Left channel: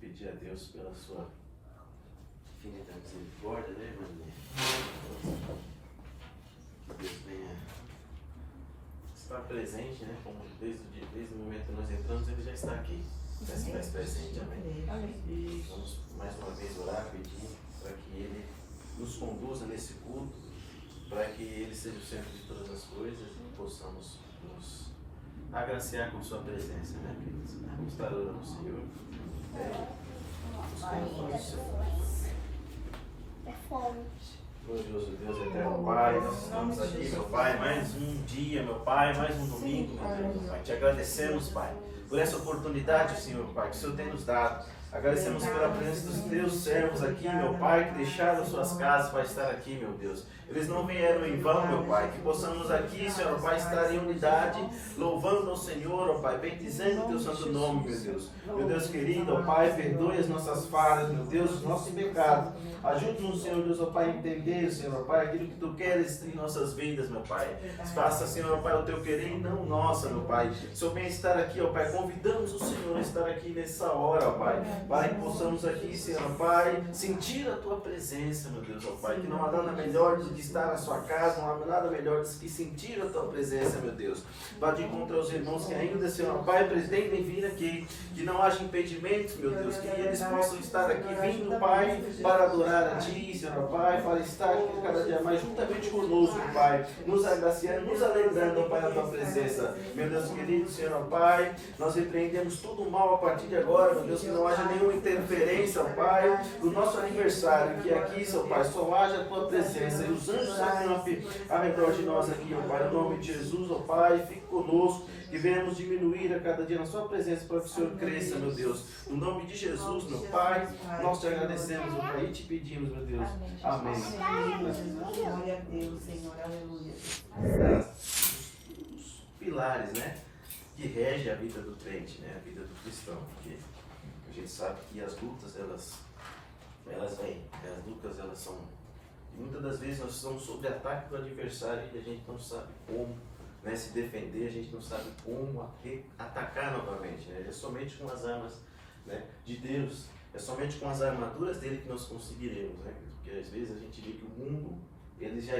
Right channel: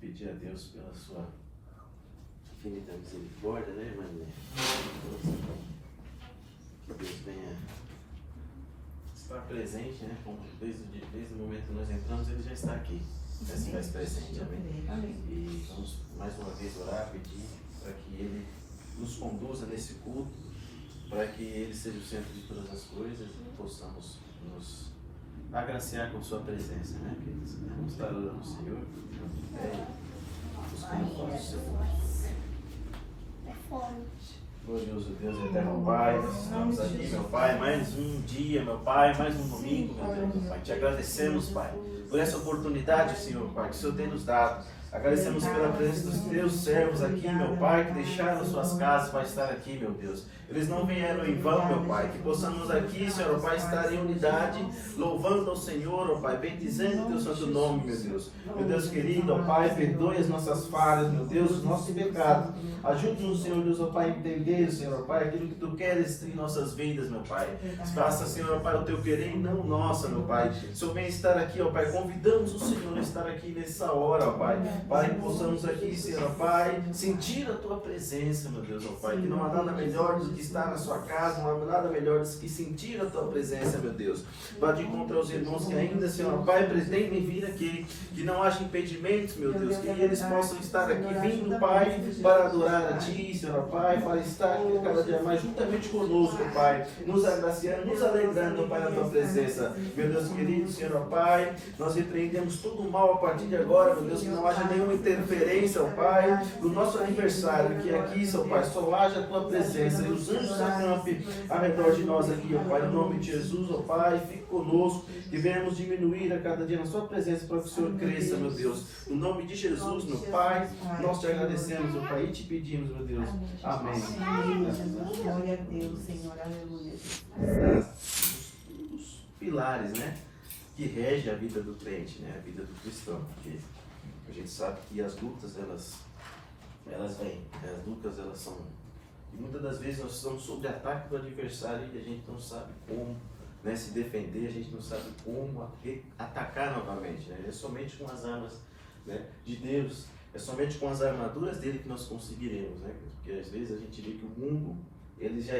Pedir a Deus pela sua infinita misericórdia, né, irmã? Que Deus venha estar presente, né? Como desde o momento que nós entramos, Ele já está aqui. Já se faz presente, amém? E vamos mais uma vez orar, pedir para que Ele nos conduza nesse culto, para que Ele seja o centro de todas as coisas e possamos nos agraciar com Sua presença, né, queridos? Vamos estar orando ao Senhor, buscando a paz do Senhor. Glorioso Deus, eterno Pai, nós estamos aqui, meu Pai, mais um dia, meu Pai, mais um domingo, meu Deus, meu Pai. Te agradecemos, Pai, por essa oportunidade, Senhor, Pai, que o Senhor tem nos dado. Agradecemos pela presença dos teus servos aqui, meu Pai, que deixaram suas casas para estar aqui, meu Deus. Eles não vieram em vão, meu Pai, que possamos aqui, Senhor, Pai, estar em unidade, louvando ao Senhor, ó Pai, bendizendo o teu santo nome, meu Deus. Meu Deus querido, ó Pai, perdoe as nossas falhas, meu Deus, os nossos pecados. Ajude-nos, Senhor Deus, ó Pai, a entender, Senhor, ó Pai, aquilo que tu queres em nossas vidas, meu Pai. Faça, Senhor, ó Pai, o teu querer e não o nosso, meu Pai. O Senhor vem estar aqui, ó Pai, convidamos o Senhor a estar aqui nessa hora, ó Pai, para que possamos aqui, Senhor, ó Pai, sentir a tua presença, meu Deus, ó Pai, que não há nada melhor do que estar na sua casa, não há nada melhor do que sentir a tua presença, meu Deus. Vá de encontro aos irmãos que ainda, Senhor, ó Pai, pretendem vir aqui, que não haja impedimentos, meu Deus, que eles possam estar aqui vindo, Pai, para adorar a Ti, Senhor, ó Pai, para estar aqui cada dia mais juntamente conosco, Pai, nos agraciando, nos alegrando, ó Pai, na tua presença. Meu Deus querido, Senhor, ó Pai, nós repreendemos todo o mal a partir de agora, meu Deus, que não haja nenhuma interferência, ó Pai, do nosso aniversário, que aqui, Senhor Pai, só haja a tua presença e os anjos acampem ao redor de nós aqui, ó Pai, em nome de Jesus, ó Pai, fique conosco, que venhamos diminuir a cada dia na sua presença para que o Senhor cresça, meu Deus. No nome de Jesus, meu Pai, nós te agradecemos, ó Pai, e te pedimos, meu Deus. Amém. Glória a Deus, Senhor, aleluia. Os pilares, né, que rege a vida do crente, né, a vida do cristão, porque a gente sabe que as lutas, elas vêm, as lutas, elas são, e muitas das vezes nós estamos sob ataque do adversário e a gente não sabe como, né, se defender, a gente não sabe como atacar novamente, né, é somente com as armas, né, de Deus, é somente com as armaduras dele que nós conseguiremos, né, porque às vezes a gente vê que o mundo, ele já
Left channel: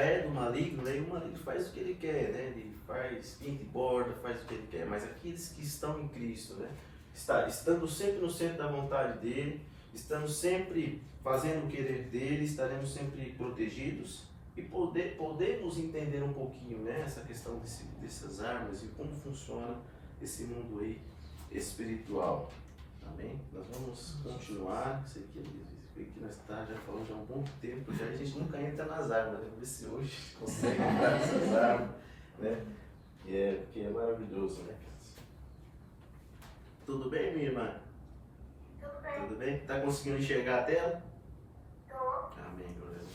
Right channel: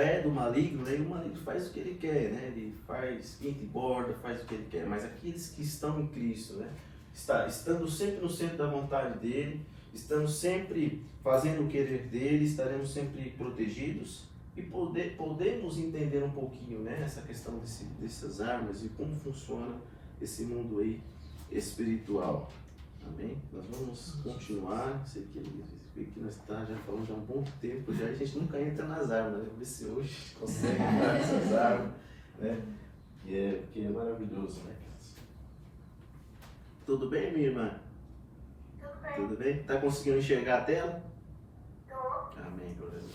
é do maligno, né? E o maligno faz o que ele quer, né? Ele faz, pinta e borda, faz o que ele quer. Mas aqueles que estão em Cristo, né? Estando sempre no centro da vontade dele, estamos sempre fazendo o querer dele, estaremos sempre protegidos e podemos entender um pouquinho, né? Essa questão dessas armas e como funciona esse mundo aí espiritual. Amém? Nós vamos continuar. Sei que nós estamos já falando há um bom tempo já, a gente nunca entra nas armas, né? Vamos ver se hoje consegue entrar nessas armas, né? Que é maravilhoso, né? Tudo bem, minha irmã? Tudo bem? Tudo bem? Tá conseguindo enxergar a tela? Tô. Amém, glória a Deus.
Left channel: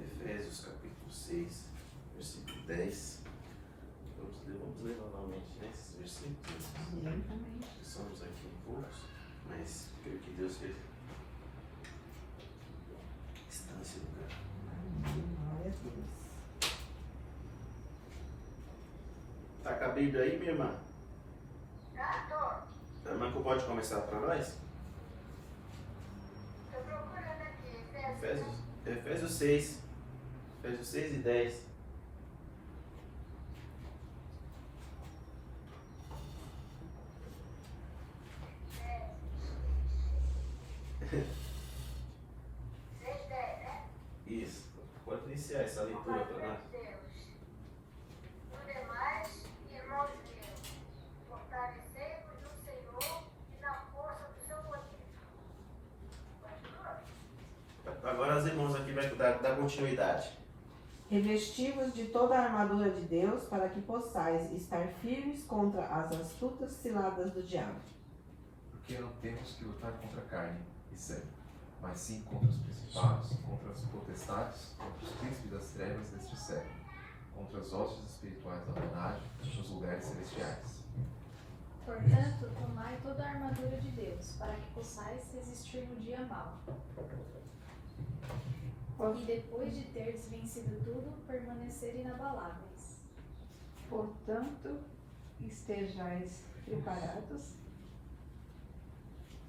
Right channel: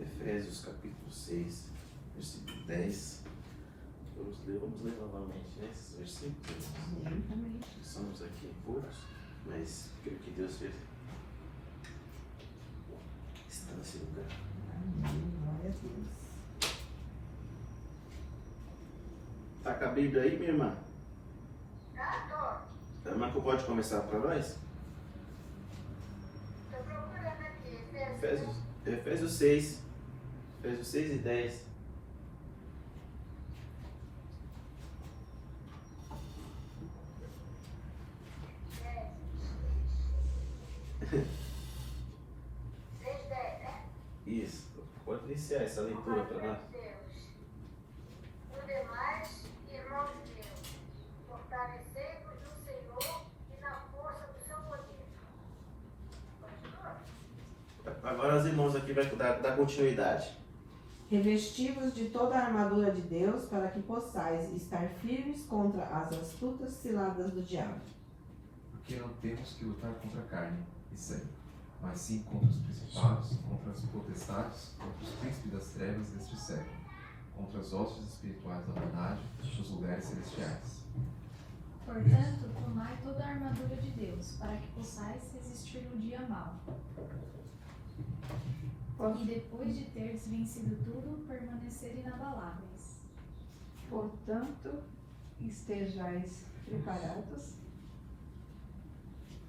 Efésios capítulo 6, versículo 10. Vamos ler novamente, né, esses versículos. Somos aqui poucos, mas creio que Deus está nesse lugar. Glória a Deus. Tá com a Bíblia aí, minha irmã? Tá, tô. A irmã que pode começar para nós? Tô procurando aqui. Efésios 6. Efésios 6 e 10. Isso. Pode iniciar essa leitura para nós. No demais, irmãos meus, fortalecei-vos no Senhor e na força do seu poder. Continua. Agora os irmãos aqui vai dar continuidade. Revesti-vos de toda a armadura de Deus para que possais estar firmes contra as astutas ciladas do diabo. Porque não temos que lutar contra a carne e sangue, mas sim contra os principados, contra as potestades, contra os príncipes das trevas deste século, contra as hostes espirituais da maldade nos lugares celestiais. Portanto, tomai toda a armadura de Deus, para que possais resistir no dia mau. E depois de teres vencido tudo, permanecer inabaláveis. Portanto, estejais preparados.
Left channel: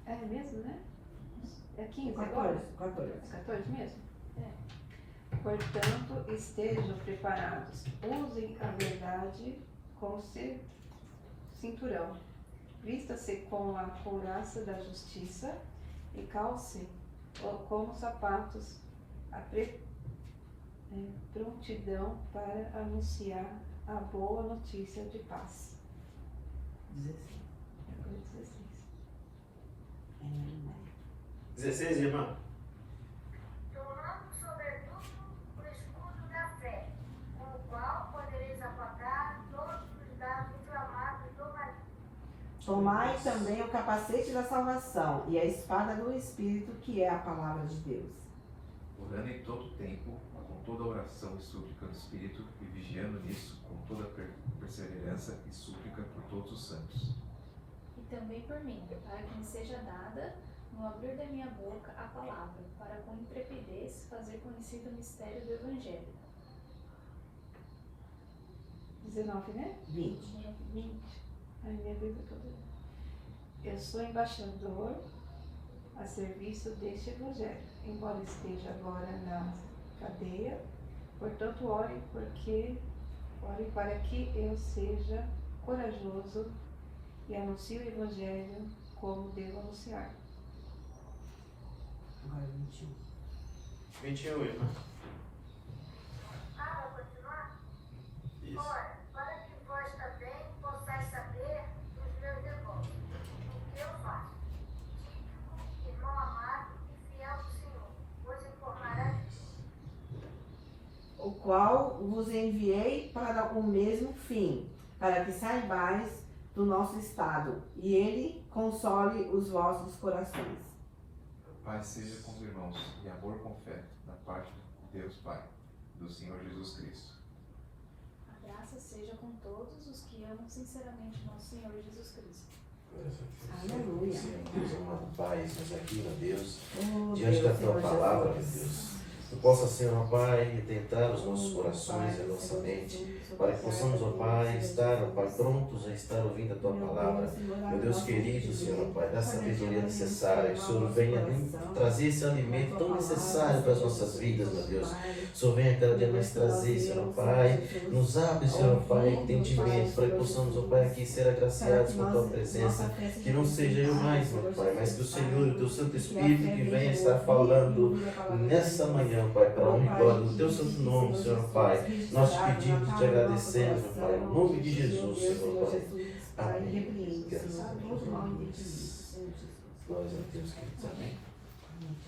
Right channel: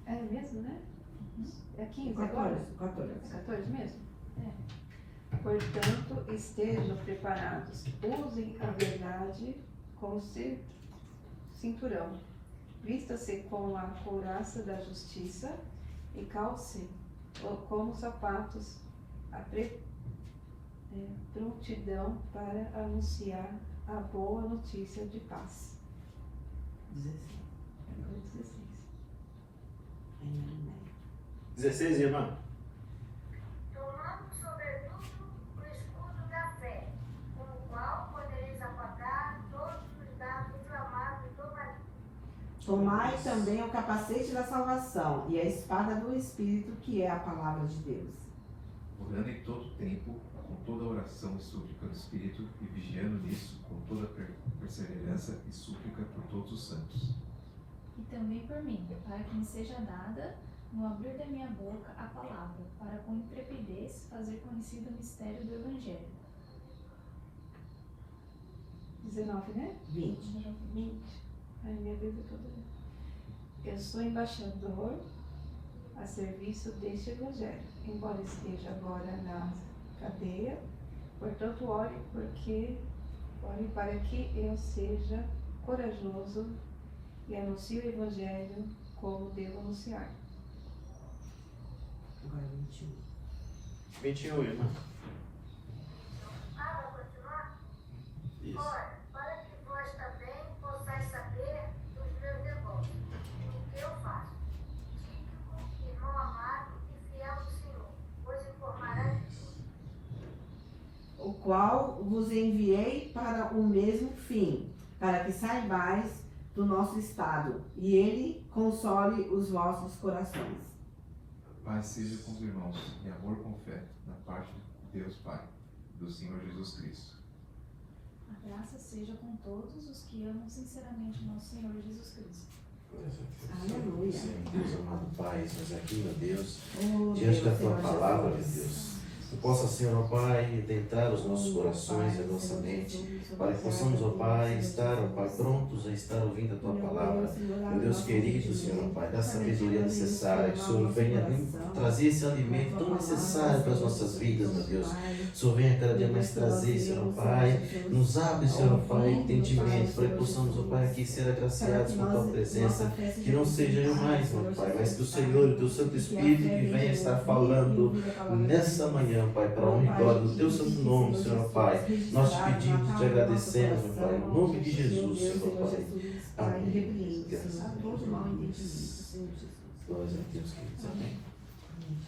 É mesmo, né? É 15 agora? 14. 14 mesmo? Portanto, estejam preparados. Usem a verdade como cinturão. Vista-se com a couraça da justiça e calce como sapatos a prontidão para anunciar a boa notícia de paz. 16, irmão. Tomando sobretudo o escudo da fé, com o qual podereis apagar todos os dardos inflamados do maligno. Tomai também o capacete da salvação e a espada do Espírito, que é a palavra de Deus. Orando em todo tempo, com toda oração e súplica no Espírito, e vigiando nisso com toda perseverança e súplica por todos os santos. E também por mim, para que me seja dada, no abrir da minha boca, a palavra, para com intrepidez fazer conhecido o mistério do Evangelho. 19, né? 20. 20. Ai, minha Bíblia toda. Eu sou embaixador a serviço deste Evangelho, embora esteja agora na cadeia. Portanto, ore para que eu seja corajoso e anuncie o Evangelho como devo anunciar. Agora 21. 21, irmão. Vai continuar? Isso. Ora, para que vós também possais saber dos meus devotos, o que eu faço. Tíquico, irmão amado e fiel do Senhor, vos informará de tudo. O qual vos enviei para o mesmo fim, para que saibais do nosso estado, e ele console os vossos corações. Paz seja com os irmãos e amor com fé, da parte de Deus Pai, do Senhor Jesus Cristo. A graça seja com todos os que amam sinceramente nosso Senhor Jesus Cristo. Aleluia. Senhor Deus, amado Pai, estamos aqui, meu Deus, Oh, diante Deus, da Tua Senhor palavra, meu Jesus. Deus. Que possa, Senhor, ó Pai, adentrar os nossos corações e a nossa mente, para que possamos, ó Pai, estar, ó Pai, prontos a estar ouvindo a Tua palavra. Meu Deus querido, Senhor, ó Pai, dá a sabedoria necessária, que o Senhor venha trazer esse alimento tão necessário para as nossas vidas, meu Deus. O Senhor venha cada dia mais trazer, Senhor, ó Pai, nos abre, Senhor, ó Pai, entendimento, para que possamos, ó Pai, aqui ser agraciados com a Tua presença, que não seja eu mais, meu Pai, mas que o Senhor, o Teu Santo Espírito, que venha estar falando nessa manhã, Pai, para a honra e glória do Teu santo nome, Senhor, Pai. Nós te pedimos e te agradecemos, meu Pai, no nome de Jesus, Senhor, Pai. Amém. Graças a Deus. Glória a Deus, queridos. Amém.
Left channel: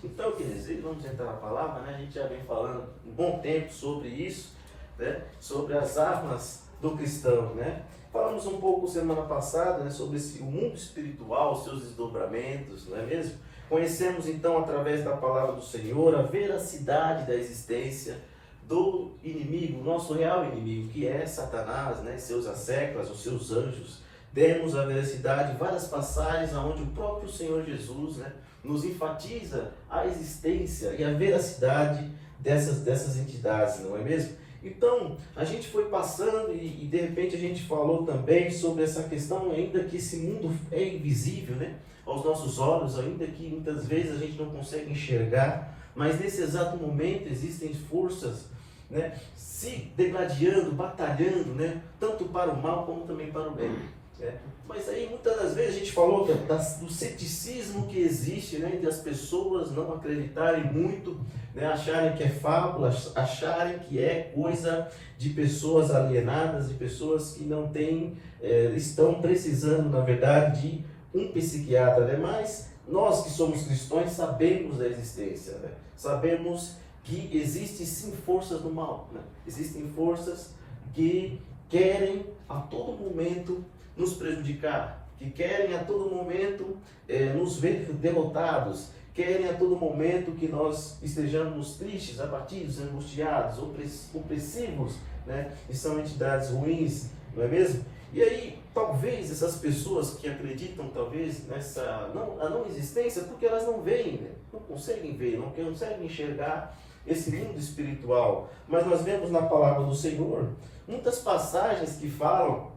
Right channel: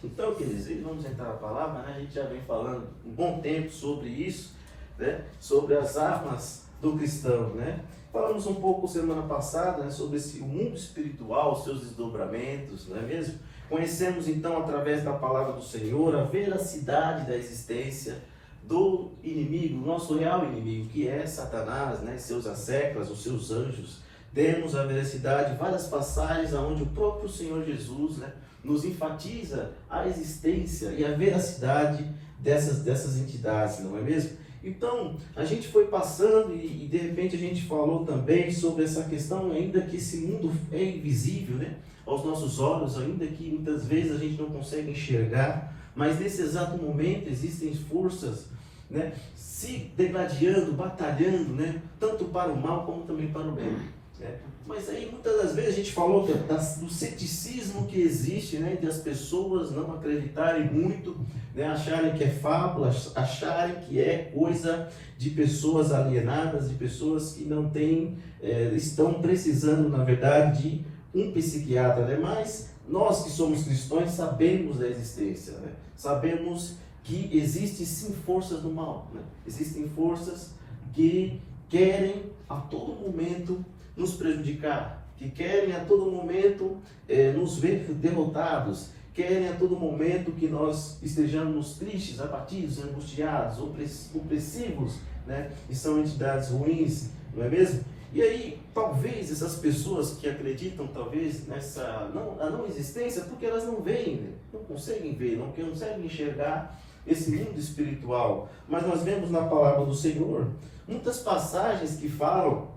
Então, queridos, vamos entrar na palavra, né? A gente já vem falando um bom tempo sobre isso, né? Sobre as armas do cristão, né? Falamos um pouco semana passada, né, sobre o mundo espiritual, seus desdobramentos, não é mesmo? Conhecemos então, através da palavra do Senhor, a veracidade da existência do inimigo, nosso real inimigo, que é Satanás, né, e seus asseclas, os seus anjos. Demos a veracidade, várias passagens onde o próprio Senhor Jesus, né, nos enfatiza a existência e a veracidade dessas entidades, não é mesmo? Então, a gente foi passando e de repente a gente falou também sobre essa questão, ainda que esse mundo é invisível, né, aos nossos olhos, ainda que muitas vezes a gente não consegue enxergar, mas nesse exato momento existem forças, né, se degladiando, batalhando, né, tanto para o mal como também para o bem. Né? Mas aí muitas das vezes a gente falou do ceticismo que existe, né, entre as pessoas não acreditarem muito, né, acharem que é fábula, acharem que é coisa de pessoas alienadas, de pessoas que não têm, estão precisando, na verdade, de um psiquiatra, né? Mas nós que somos cristãos sabemos da existência, né? Sabemos que existem sim forças do mal, né? Existem forças que querem a todo momento nos prejudicar, que querem a todo momento nos ver derrotados, querem a todo momento que nós estejamos tristes, abatidos, angustiados, opressivos, né? E são entidades ruins, não é mesmo? E aí, talvez essas pessoas que acreditam, talvez, nessa não existência, porque elas não veem, né? Não conseguem ver, não conseguem enxergar esse mundo espiritual. Mas nós vemos na palavra do Senhor muitas passagens que falam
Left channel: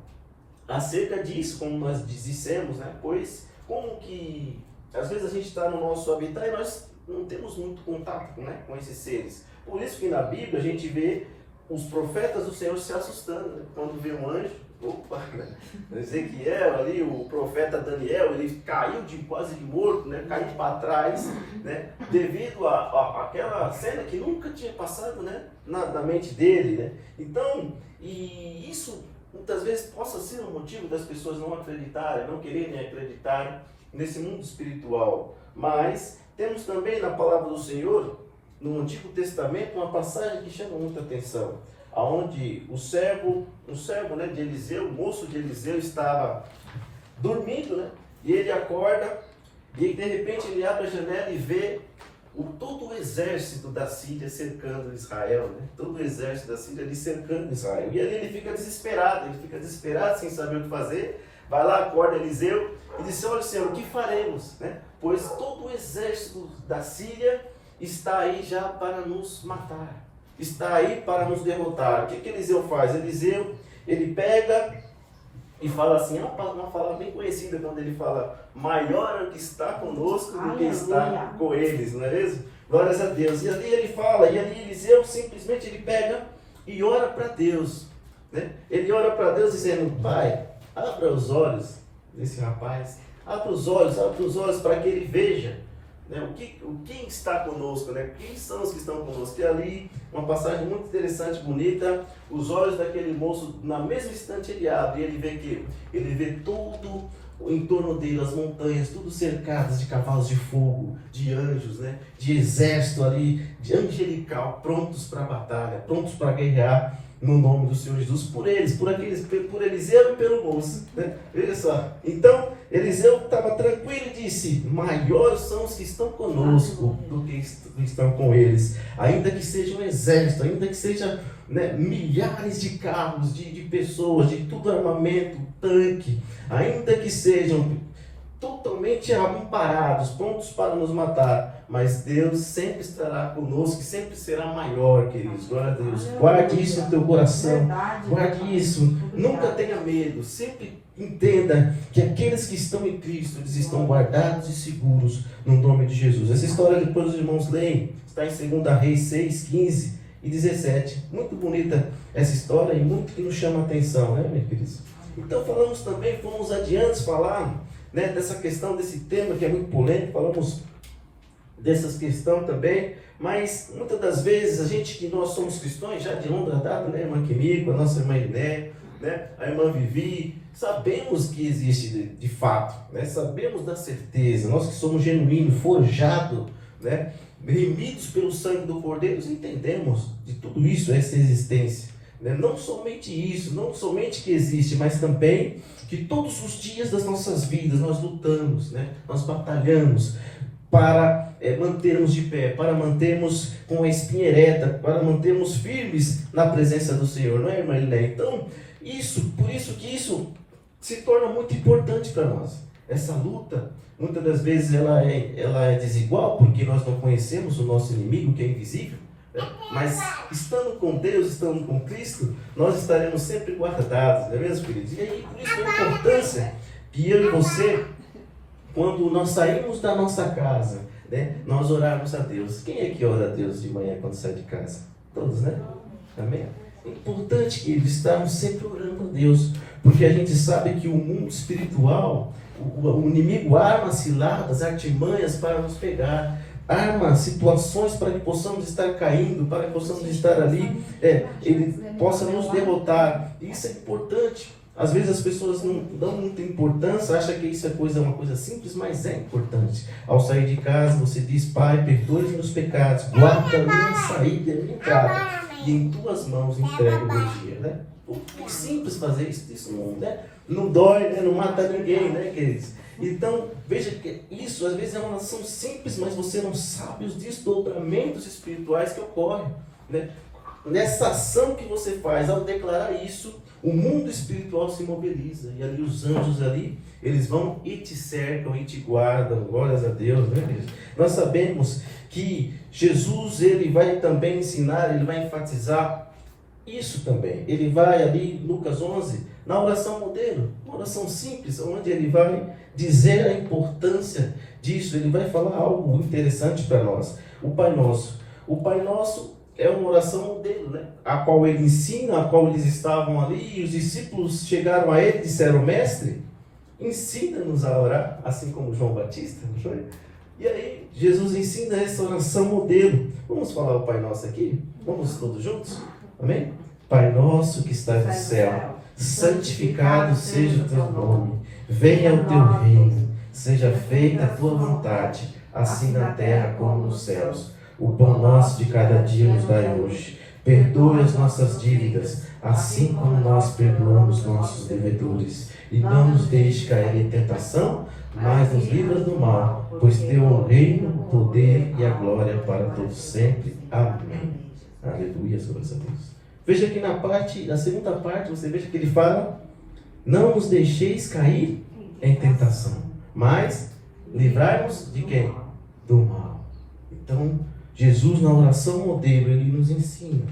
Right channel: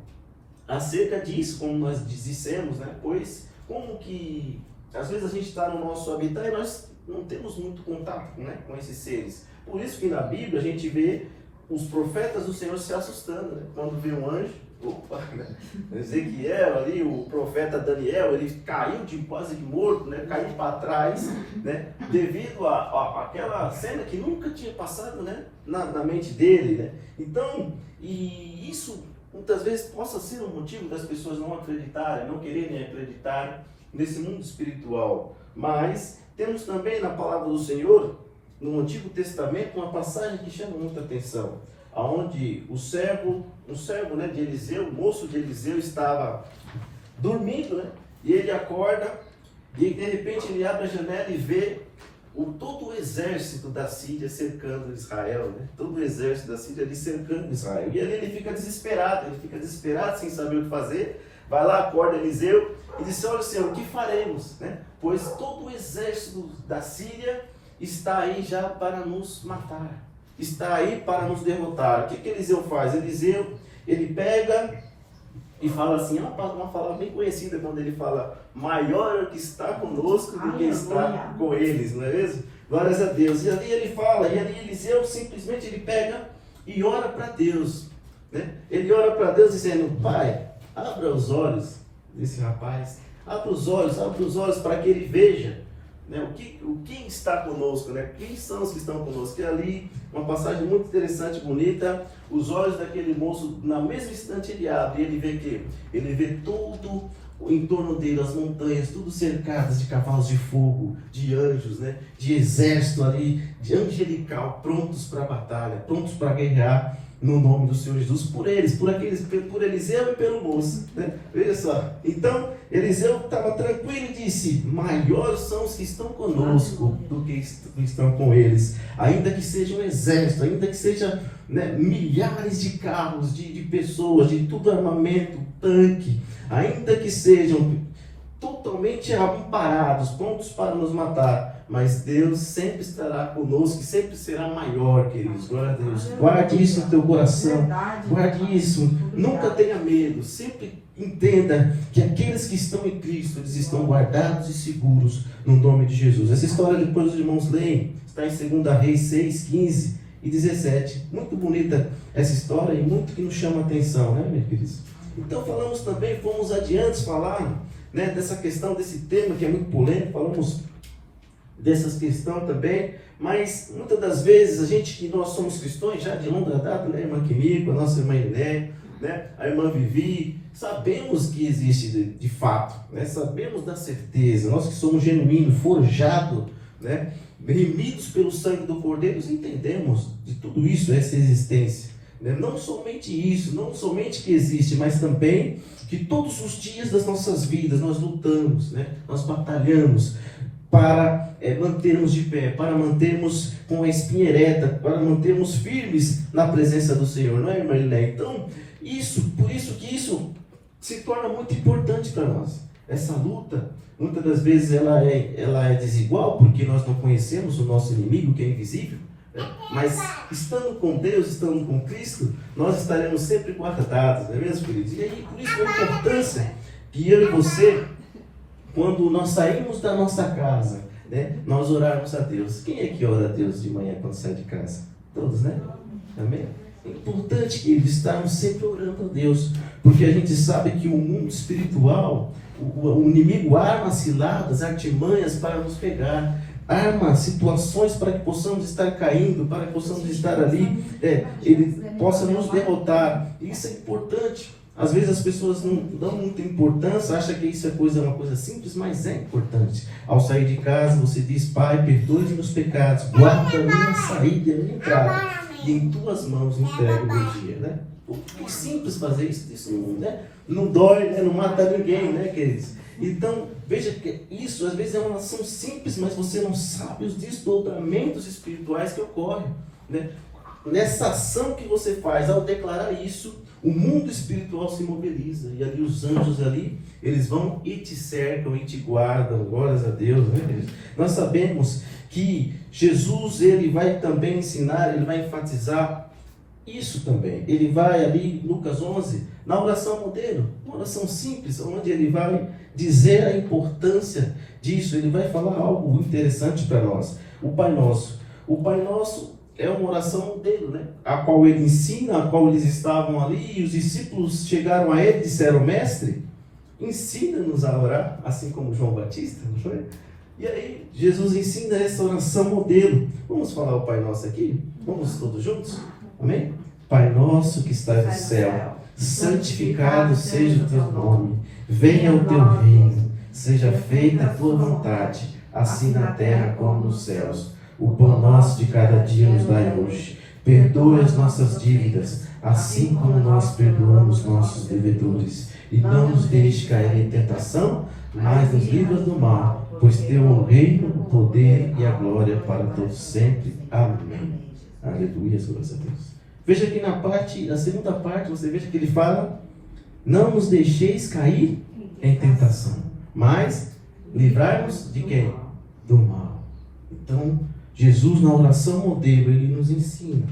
acerca disso, como nós dissemos, né? Pois como que às vezes a gente está no nosso habitat e nós não temos muito contato, né, com esses seres. Por isso que na Bíblia a gente vê os profetas do Senhor se assustando, né? Quando vê um anjo, opa, Ezequiel ali, o profeta Daniel, ele caiu quase de morto, né? Caiu para trás, né? Devido àquela cena que nunca tinha passado, né? na mente dele, né? Então, e isso muitas vezes possa ser um motivo das pessoas não acreditarem, não quererem acreditar nesse mundo espiritual. Mas temos também na palavra do Senhor, no Antigo Testamento, uma passagem que chama muita atenção, aonde um servo, né, de Eliseu, o moço de Eliseu estava dormindo, né? E ele acorda e de repente ele abre a janela e vê todo o exército da Síria cercando Israel, né? Todo o exército da Síria ali cercando Israel. E ali ele fica desesperado, sem saber o que fazer. Vai lá, acorda Eliseu e diz: olha, Senhor, o que faremos, né? Pois todo o exército da Síria está aí já para nos matar, está aí para nos derrotar. O que Eliseu faz? Eliseu, ele pega e fala assim, uma palavra bem conhecida, quando ele fala: maior é o que está conosco do que está com eles, não é mesmo? Glórias a Deus. E ali ele fala, e ali Eliseu simplesmente ele pega e ora para Deus, né? Ele ora para Deus dizendo: Pai, abra os olhos desse rapaz, abra os olhos para que ele veja, né, quem está conosco, né? Quem são os que estão conosco. E ali, uma passagem muito interessante, bonita, os olhos daquele moço, na mesma instante ele abre, e ele vê que ele vê todo o entorno dele, as montanhas, tudo cercadas de cavalos de fogo, de anjos, né? De exército ali, de angelical, prontos para a batalha, prontos para guerrear no nome do Senhor Jesus, por Eliseu e pelo moço, né? Veja só, então Eliseu estava tranquilo e disse: maiores são os que estão conosco do que estão com eles, ainda que seja um exército, ainda que seja, né, milhares de carros, de pessoas, de tudo armamento, tanque, ainda que sejam totalmente amparados, prontos para nos matar, mas Deus sempre estará conosco, sempre será maior, queridos. Glória a Deus. Guarde isso no teu coração, guarde isso, nunca tenha medo, sempre entenda que aqueles que estão em Cristo, eles estão guardados e seguros no nome de Jesus. Essa história, depois os irmãos leem, está em 2 Reis 6, 15 e 17. Muito bonita essa história e muito que nos chama a atenção, né, meus queridos? Então falamos também, fomos adiante falar, né, dessa questão, desse tema que é muito polêmico, falamos dessas questões também, mas muitas das vezes a gente, que nós somos cristãos já de longa data, né, a irmã Quimico, a nossa irmã Iné, né, a irmã Vivi, sabemos que existe de fato, né, sabemos da certeza, nós que somos genuínos, forjados, né, remidos pelo sangue do Cordeiro, entendemos de tudo isso, essa existência, né? Não somente isso, não somente que existe, mas também que todos os dias das nossas vidas nós lutamos, né? Nós batalhamos para mantermos de pé, para mantermos com a espinha ereta, para mantermos firmes na presença do Senhor, não é, Marilé? Então, por isso que isso se torna muito importante para nós. Essa luta, muitas das vezes ela é desigual, porque nós não conhecemos o nosso inimigo, que é invisível, né? Mas estando com Deus, estando com Cristo, nós estaremos sempre guardados, não é mesmo, queridos? E aí, por isso a importância que eu e você, quando nós saímos da nossa casa, né, nós orarmos a Deus. Quem é que ora a Deus de manhã quando sai de casa? Todos, né? Amém? É importante que estarmos sempre orando a Deus, porque a gente sabe que o mundo espiritual, o inimigo arma ciladas, artimanhas para nos pegar, arma situações para que possamos estar caindo, para que possamos estar ali, ele possa nos derrotar. Isso é importante. Às vezes as pessoas não dão muita importância, acham que isso é uma coisa simples, mas é importante. Ao sair de casa, você diz: Pai, perdoe os meus pecados, guarda a minha saída e a minha entrada, e em tuas mãos entrego o meu dia, né? É simples fazer isso, né? Não dói, né? Não mata ninguém, né, queridos? Então, veja que isso às vezes é uma ação simples, mas você não sabe os desdobramentos espirituais que ocorrem, né? Nessa ação que você faz, ao declarar isso, o mundo espiritual se mobiliza, e ali os anjos ali, eles vão e te cercam e te guardam, glórias a Deus, né? Nós sabemos que Jesus, ele vai também ensinar, ele vai enfatizar isso também. Ele vai ali, Lucas 11, na oração modelo, uma oração simples, onde ele vai dizer a importância disso. Ele vai falar algo interessante para nós. O Pai Nosso. O Pai Nosso é uma oração modelo, né? A qual ele ensina, a qual eles estavam ali, e os discípulos chegaram a ele e disseram: Mestre, ensina-nos a orar, assim como João Batista, não é? E aí, Jesus ensina essa oração modelo. Vamos falar o Pai Nosso aqui? Vamos todos juntos? Amém? Pai Nosso que estás no céu, santificado seja o teu nome. Venha o teu reino. Seja feita a tua vontade, assim na terra como nos céus. O pão nosso de cada dia nos dai hoje. Perdoe as nossas dívidas, assim como nós perdoamos nossos devedores. E não nos deixe cair em tentação, mas nos livra do mal, pois teu é o reino, o poder e a glória para todos sempre. Amém. Aleluia, graças a Deus. Veja que na segunda parte, você veja que ele fala: não nos deixeis cair em tentação, mas livrai-nos de quem? Do mal. Então, Jesus, na oração modelo, ele nos ensina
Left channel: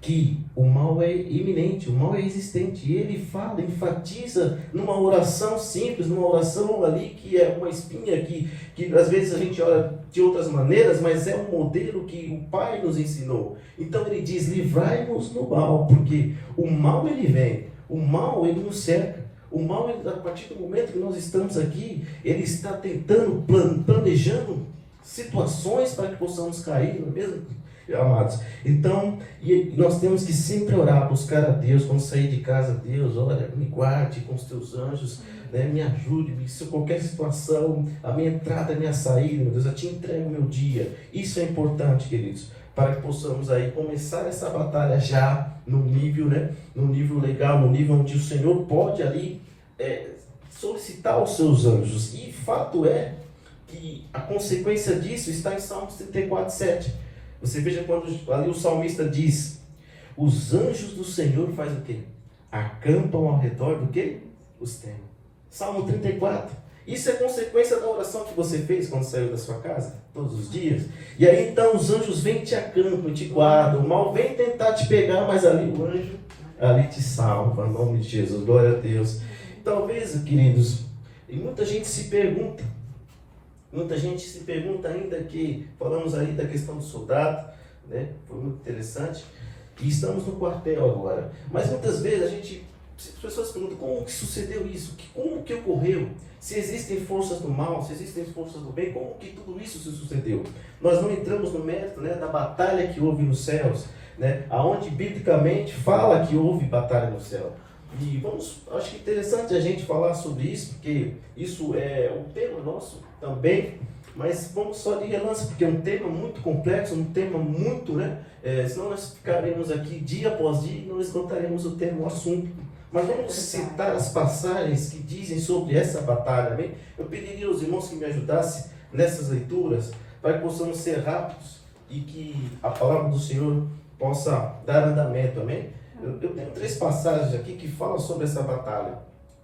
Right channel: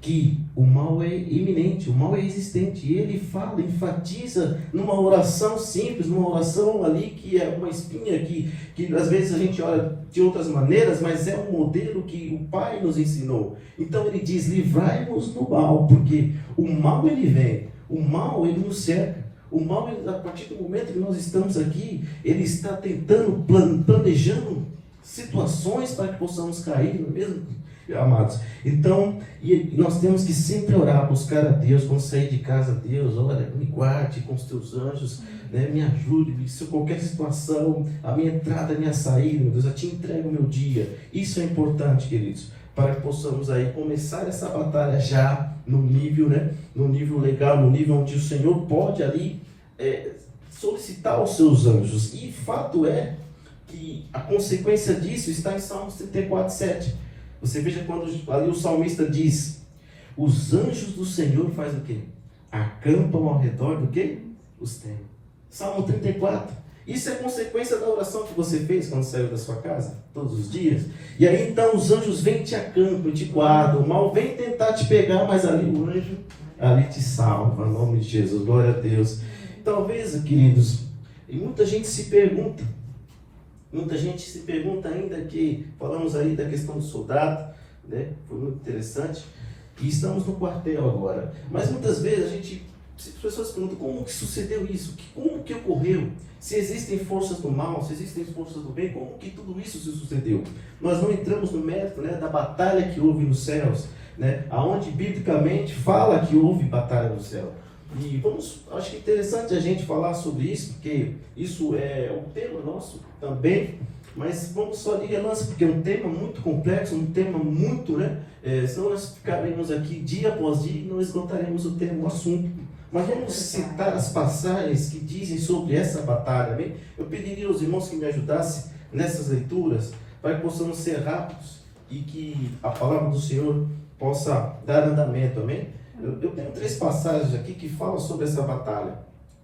que o mal é iminente, o mal é existente. E ele fala, enfatiza numa oração simples, numa oração ali que é uma espinha que às vezes a gente olha de outras maneiras, mas é um modelo que o Pai nos ensinou. Então ele diz: livrai-nos do mal, porque o mal ele vem, o mal ele nos cerca. O mal, a partir do momento que nós estamos aqui, ele está tentando, planejando situações para que possamos cair, não é mesmo, amados? Então, e nós temos que sempre orar, buscar a Deus. Quando sair de casa: Deus, olha, me guarde com os teus anjos, né? Me ajude, se qualquer situação, a minha entrada, a minha saída, meu Deus, eu te entrego o meu dia. Isso é importante, queridos, para que possamos aí começar essa batalha já no nível, né? No nível legal, no nível onde o Senhor pode ali solicitar os seus anjos. E fato é que a consequência disso está em Salmos 34:7. Você veja quando ali o salmista diz: os anjos do Senhor fazem o quê? Acampam ao redor do quê? Os teus. Salmo 34. Isso é consequência da oração que você fez quando saiu da sua casa, todos os dias. E aí então os anjos vêm, te acampam, te guardam. O mal vem tentar te pegar, mas ali o anjo ali te salva, em nome de Jesus, glória a Deus. Talvez, queridos, e muita gente se pergunta ainda, que falamos aí da questão do soldado, né? Foi muito interessante. E estamos no quartel agora. Mas muitas vezes as pessoas perguntam: como que sucedeu isso? Como que ocorreu? Se existem forças do mal, se existem forças do bem, como que tudo isso se sucedeu? Nós não entramos no mérito, né, da batalha que houve nos céus, né? Aonde biblicamente fala que houve batalha no céu. E acho que é interessante a gente falar sobre isso, porque isso é um tema nosso também, mas vamos só de relance, porque é um tema muito complexo, um tema muito, né? Senão nós ficaremos aqui dia após dia e não esgotaremos o tema, o assunto. Mas vamos citar as passagens que dizem sobre essa batalha, amém? Eu pediria aos irmãos que me ajudassem nessas leituras, para que possamos ser rápidos e que a palavra do Senhor possa dar andamento, amém? Eu tenho 3 passagens aqui que falam sobre essa batalha.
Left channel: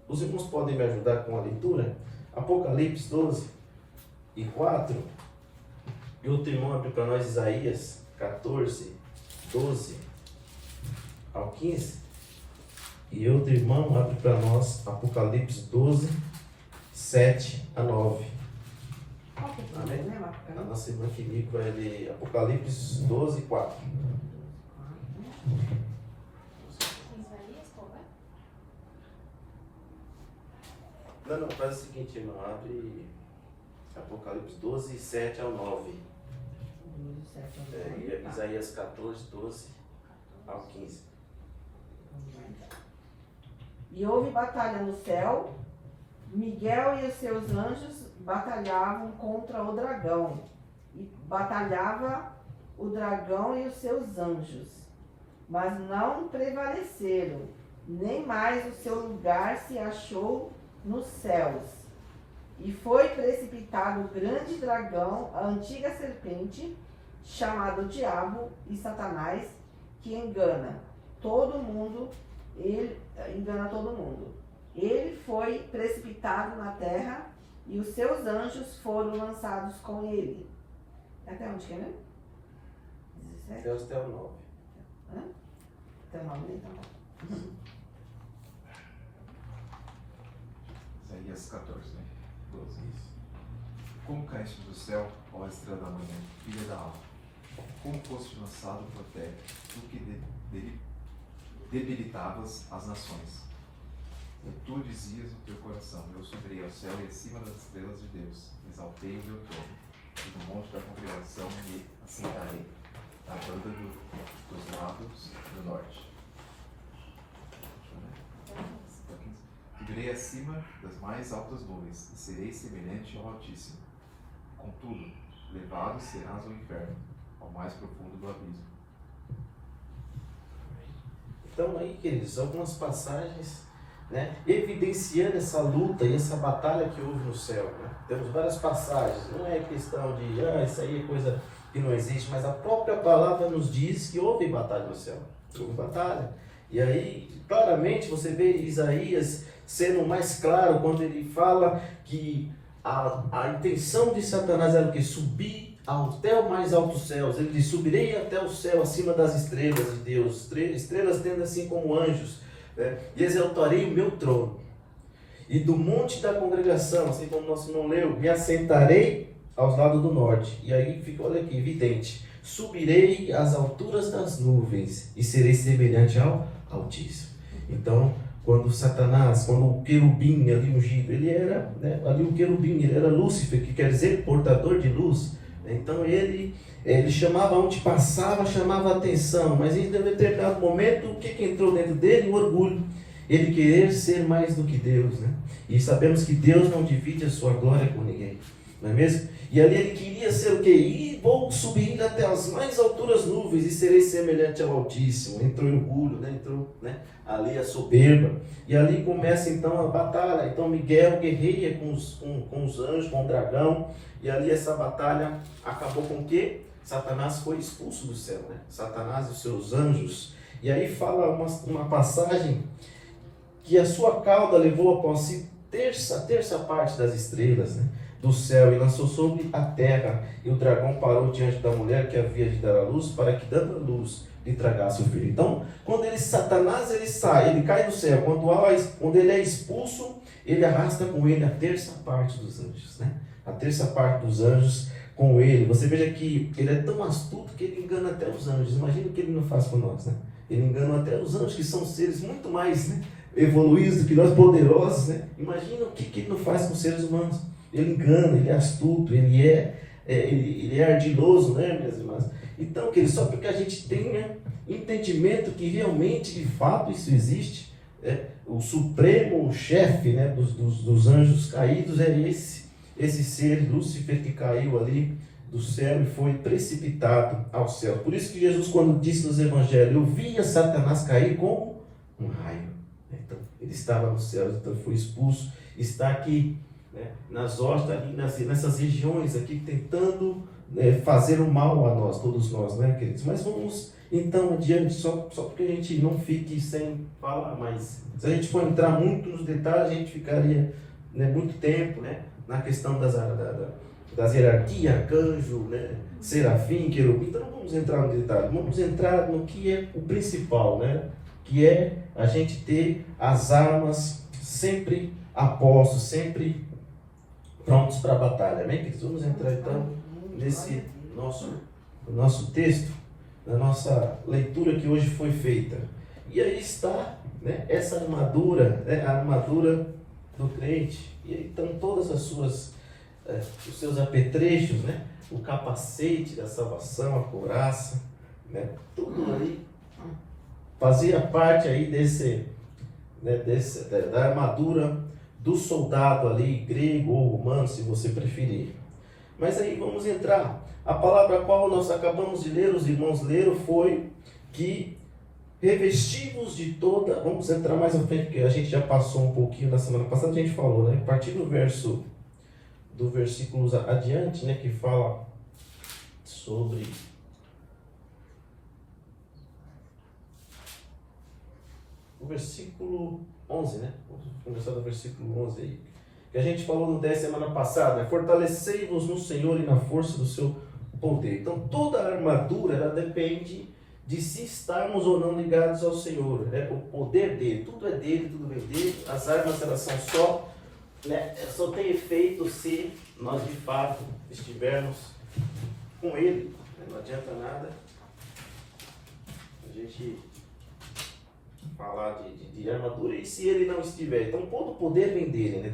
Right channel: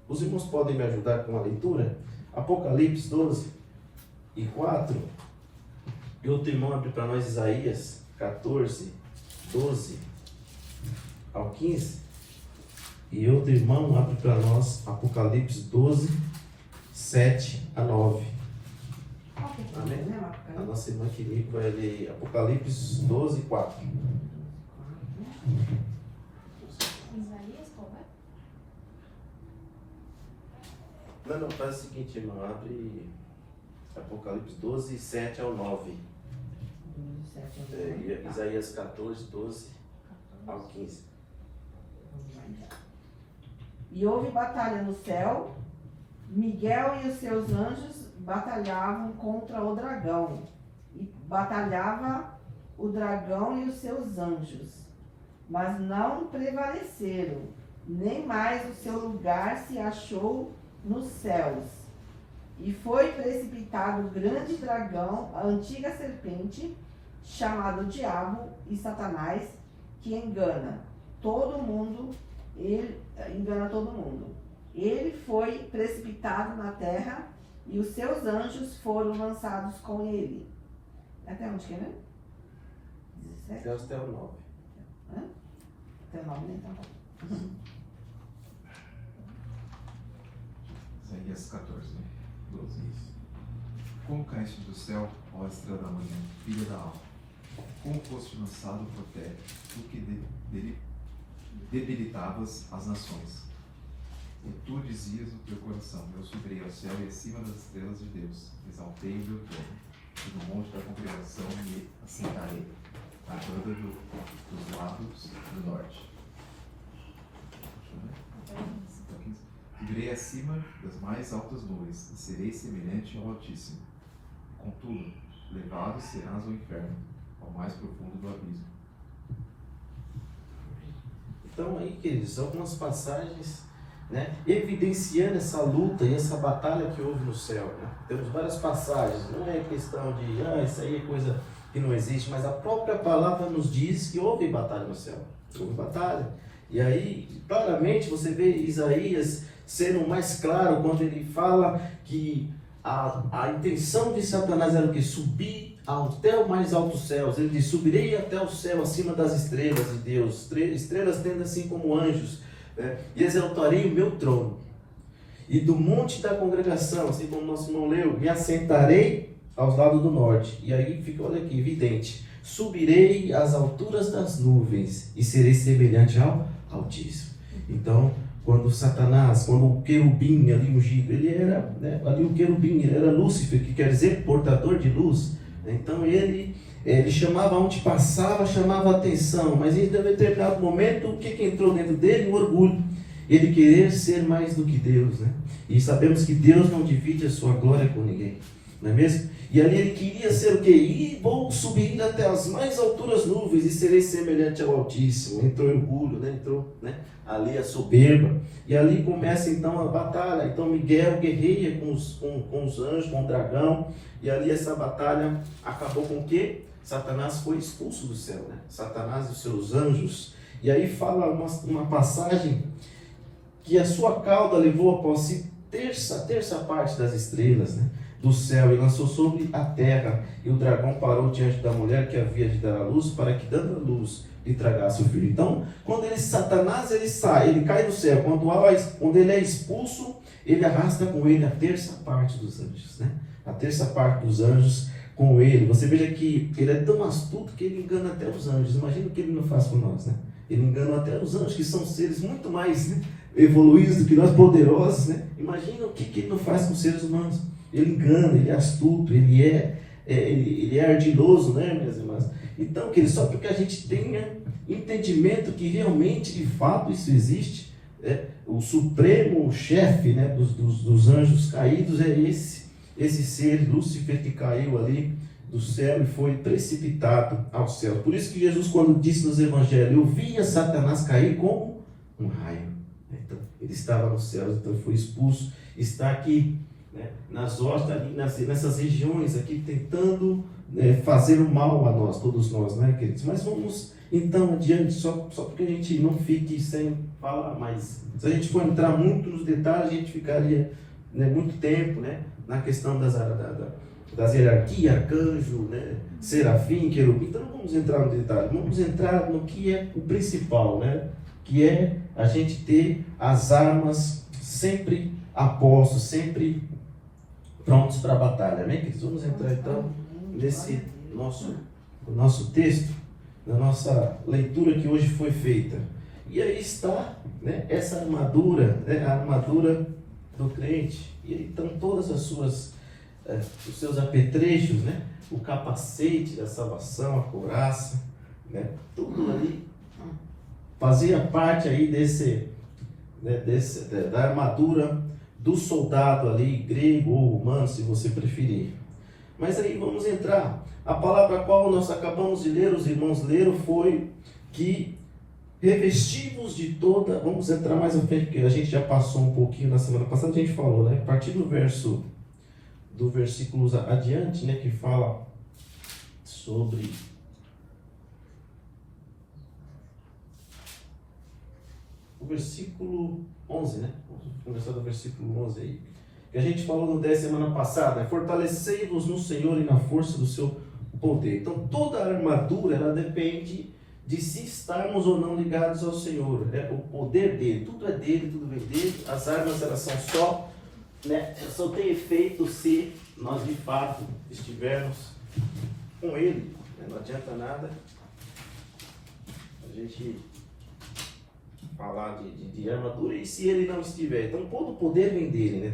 Os irmãos podem me ajudar com a leitura? Apocalipse 12:4. E outro irmão abre para nós Isaías 14:12 ao 15. E outro irmão abre para nós Apocalipse 12:7 a 9. Amém? A nossa irmã Filipe vai ler Apocalipse 12:4. Não, faz o seguinte, irmão, abre Apocalipse 12:7 ao 9. Isaías 14:12 ao 15. E houve batalha no céu. Miguel e os seus anjos batalhavam contra o dragão. E batalhava o dragão e os seus anjos. Mas não prevaleceram, nem mais o seu lugar se achou nos céus. E foi precipitado o grande dragão, a antiga serpente, chamado Diabo e Satanás, que engana todo mundo. Ele engana todo mundo. Ele foi precipitado na terra e os seus anjos foram lançados com ele. Até onde que é, né? 17? Até o 9. Até 90. Isaías 14, 12. Como caíste do céu, ó estrela da manhã, filha da alma? Como foste lançado por terra, tu que debilitavas as nações? E tu dizias no teu coração: eu subirei ao céu e acima das estrelas de Deus, exaltei o meu trono, e no monte da congregação me assentarei, à banda dos lados do norte. Subirei acima das mais altas nuvens, e serei semelhante ao Altíssimo. Contudo, levado serás ao inferno, ao mais profundo do abismo. Então aí, queridos, algumas passagens, né, evidenciando essa luta e essa batalha que houve no céu, né? Temos várias passagens, não é questão de isso aí é coisa que não existe, mas a própria palavra nos diz que houve batalha no céu, houve batalha. E aí, claramente, você vê Isaías sendo mais claro quando ele fala que a intenção de Satanás era o que? Subir até o mais altos céus. Ele diz: subirei até o céu, acima das estrelas de Deus, estrelas tendo assim como anjos, né? E exaltarei o meu trono, e do monte da congregação, assim como nosso irmão leu, me assentarei aos lados do norte. E aí fica, olha aqui, evidente: subirei às alturas das nuvens e serei semelhante ao Altíssimo. Então, quando Satanás, quando o querubim ali ungido, ele era, né, ali o querubim, ele era Lúcifer, que quer dizer portador de luz. Então ele chamava, onde passava, chamava a atenção, mas em determinado momento, o que entrou dentro dele? O orgulho, ele querer ser mais do que Deus, né? E sabemos que Deus não divide a sua glória com ninguém, não é mesmo? E ali ele queria ser o quê? E vou subir até as mais alturas nuvens e serei semelhante ao Altíssimo. Entrou o orgulho, né? Entrou, né, ali a soberba. E ali começa então a batalha. Então Miguel guerreia com os anjos, com o dragão. E ali essa batalha acabou com o quê? Satanás foi expulso do céu, né? Satanás e os seus anjos. E aí fala uma passagem que a sua cauda levou a posse terça parte das estrelas, né, do céu, e lançou sobre a terra. E o dragão parou diante da mulher que havia de dar a luz, para que, dando a luz, lhe tragasse o filho. Então, quando Satanás sai, ele cai do céu. Quando ele é expulso, ele arrasta com ele a terça parte dos anjos, né? A terça parte dos anjos com ele. Você veja que ele é tão astuto que ele engana até os anjos. Imagina o que ele não faz com nós, né? Ele engana até os anjos, que são seres muito mais, né, evoluídos do que nós, poderosos, né? Imagina o que ele não faz com os seres humanos. Ele engana, ele é astuto, ele é ardiloso, né, minhas irmãs? Então, só porque a gente tenha entendimento que realmente, de fato, isso existe, o supremo chefe, né, dos anjos caídos é esse ser, Lúcifer, que caiu ali do céu e foi precipitado ao céu. Por isso que Jesus, quando disse nos evangelhos: eu vinha Satanás cair como um raio. Então, ele estava no céu, então foi expulso, está aqui, né, nas hostas, ali nessas regiões aqui, tentando, né, fazer o mal a nós, todos nós, né, queridos? Mas vamos então adiante, só porque a gente não fique sem falar mais. Se a gente for entrar muito nos detalhes, a gente ficaria, né, muito tempo, né, na questão das hierarquias, arcanjo, né, serafim, querubim. Então não vamos entrar no detalhe, vamos entrar no que é o principal, né, que é a gente ter as armas sempre a posto, sempre prontos para a batalha, né, queridos? Vamos entrar então nesse nosso texto, na nossa leitura que hoje foi feita. E aí está, né, essa armadura, né, a armadura do crente. E aí estão todas os seus apetrechos, né, o capacete da salvação, a couraça, né, tudo ali fazia parte aí da armadura do soldado ali, grego ou humano, se você preferir. Mas aí vamos entrar. A palavra a qual nós acabamos de ler, os irmãos leram, foi que revestivos de toda... Vamos entrar mais à frente, porque a gente já passou um pouquinho na semana passada, a gente falou, né? A partir do versículo adiante, né? Que fala sobre... O versículo 11, né? Vamos começar do versículo 11 aí. Que a gente falou no 10 semana passada. Fortalecei-vos no Senhor e na força do seu poder. Então toda a armadura, ela depende de se estarmos ou não ligados ao Senhor, né? O poder dele, tudo é dele, tudo vem dele. As armas, elas são só, né? Só tem efeito se nós de fato estivermos com ele, né? Não adianta nada a gente falar de armadura e se ele não estiver. Então todo o poder vem dele, né?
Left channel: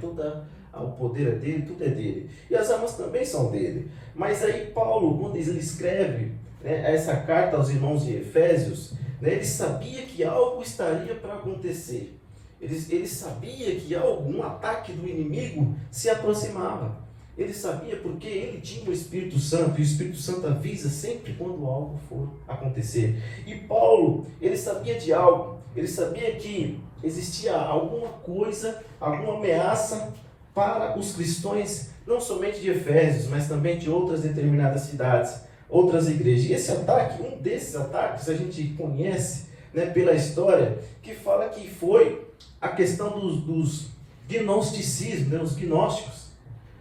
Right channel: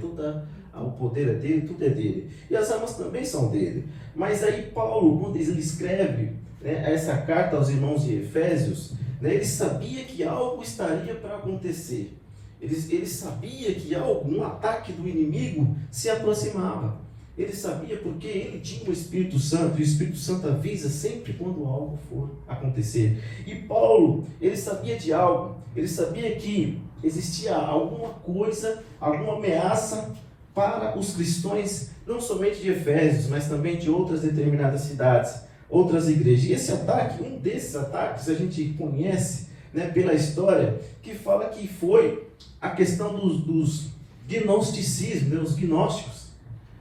O poder é dele, tudo é dele. E as armas também são dele. Mas aí Paulo, quando ele escreve, né, essa carta aos irmãos de Efésios, né, ele sabia que algo estaria para acontecer. Ele sabia que um ataque do inimigo se aproximava. Ele sabia porque ele tinha o Espírito Santo, e o Espírito Santo avisa sempre quando algo for acontecer. E Paulo, ele sabia de algo, ele sabia que existia alguma coisa, alguma ameaça para os cristãos, não somente de Efésios, mas também de outras determinadas cidades, outras igrejas. E esse ataque, um desses ataques, a gente conhece, né, pela história, que fala que foi a questão dos gnosticismos, né, os gnósticos.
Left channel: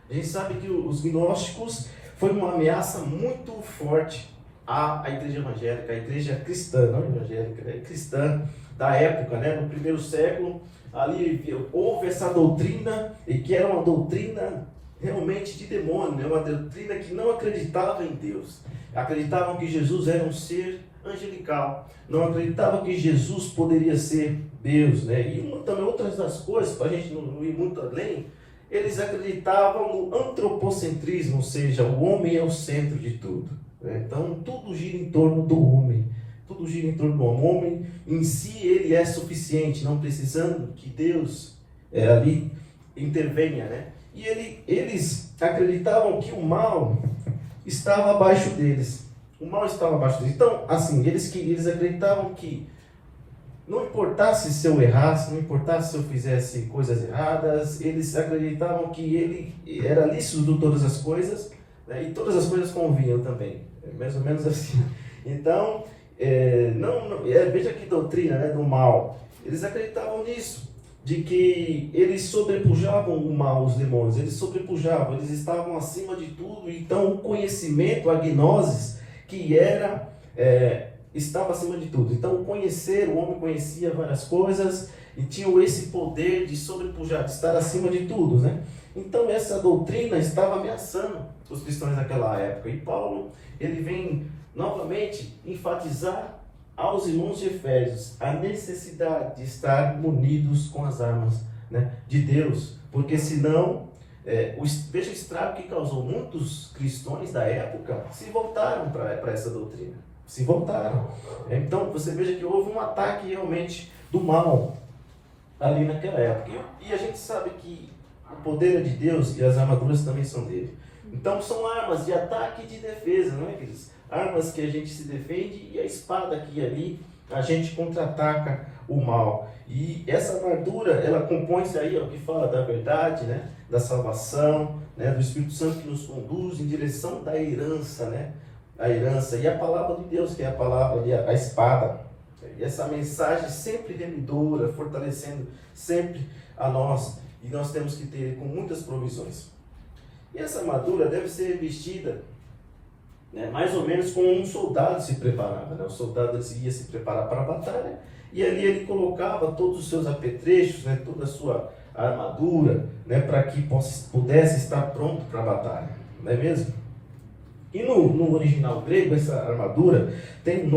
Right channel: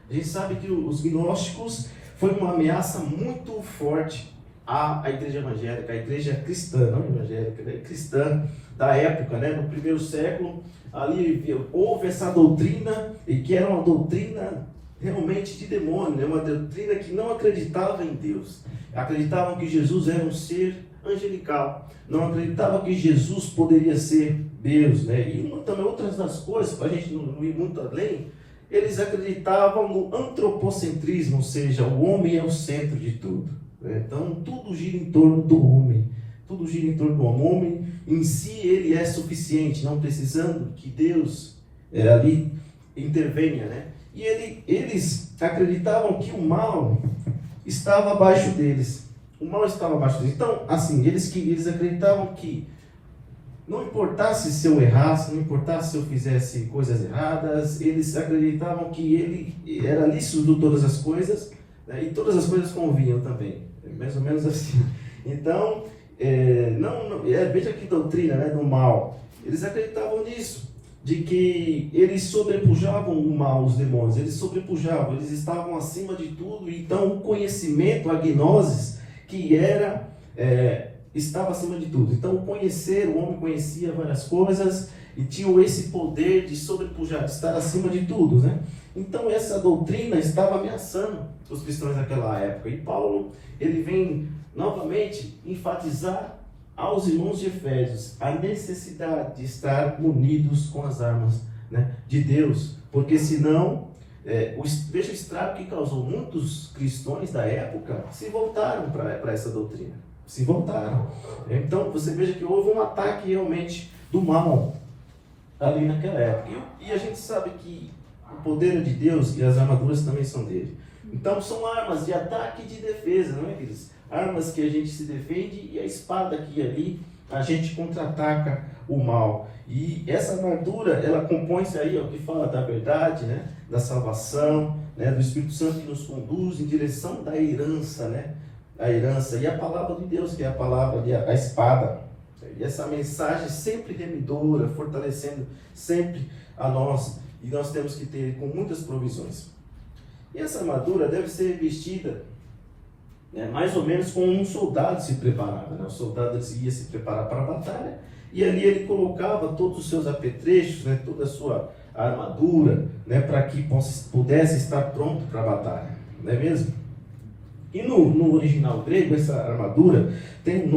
A gente sabe que os gnósticos foi uma ameaça muito forte à igreja evangélica, à igreja cristã, não evangélica, né, cristã da época, né, no primeiro século. Ali houve essa doutrina, e que era uma doutrina realmente de demônio, né, uma doutrina que não acreditava em Deus. Acreditavam que Jesus era um ser angelical, não acreditavam que Jesus poderia ser Deus, né? E também outras das coisas, para a gente não ir muito além, eles acreditavam no antropocentrismo, ou seja, o homem é o centro de tudo, né? Então tudo gira em torno do homem, tudo gira em torno do homem. O homem em si, ele é suficiente, não precisando que Deus ali intervenha, né? E eles acreditavam que o mal estava abaixo deles. O mal estava abaixo deles. Então, assim, eles acreditavam que não importasse se eu errasse, não importasse se eu fizesse coisas erradas, eles acreditavam que ele era lícito de todas as coisas, né, e todas as coisas convinham também. Mais ou menos assim. Então, veja que doutrina, né, do mal. Eles acreditavam nisso, de que eles sobrepujavam o mal, os demônios, eles sobrepujavam, eles estavam acima de tudo. Então o conhecimento, a gnosis, que estava acima de tudo. Então o homem conhecia várias coisas e tinha esse poder de sobrepujar, de estar acima de tudo, né? Então essa doutrina estava ameaçando os cristãos naquela época. E Paulo, ele vem novamente enfatizar aos irmãos de Efésios a necessidade de estar munidos com as armas, né, de Deus, porque senão, veja o estrago que causou. Muitos cristãos da época se voltaram para essa doutrina, se voltaram. Então você veja que houve um ataque realmente do mal ali naquela época, e a gente sabe que o poder é de Deus e as armaduras também são dele. Então são armas de ataque e de defesa, não é, queridos? Armas que a gente se defende, e a espada que ali a gente contra-ataca o mal. E essa armadura, ela compõe-se aí, ó, que fala da verdade, né, da salvação, né, do Espírito Santo que nos conduz em direção da herança, né, a herança, e a palavra de Deus, que é a palavra, a espada. E essa mensagem sempre remidora, fortalecendo sempre a nós, e nós temos que ter com muitas provisões. E essa armadura deve ser vestida, né, mais ou menos como um soldado se preparava, né? O soldado ia se preparar para a batalha, e ali ele colocava todos os seus apetrechos, né, toda a sua armadura, né, para que pudesse estar pronto para a batalha, não é mesmo? E no original grego, essa armadura tem um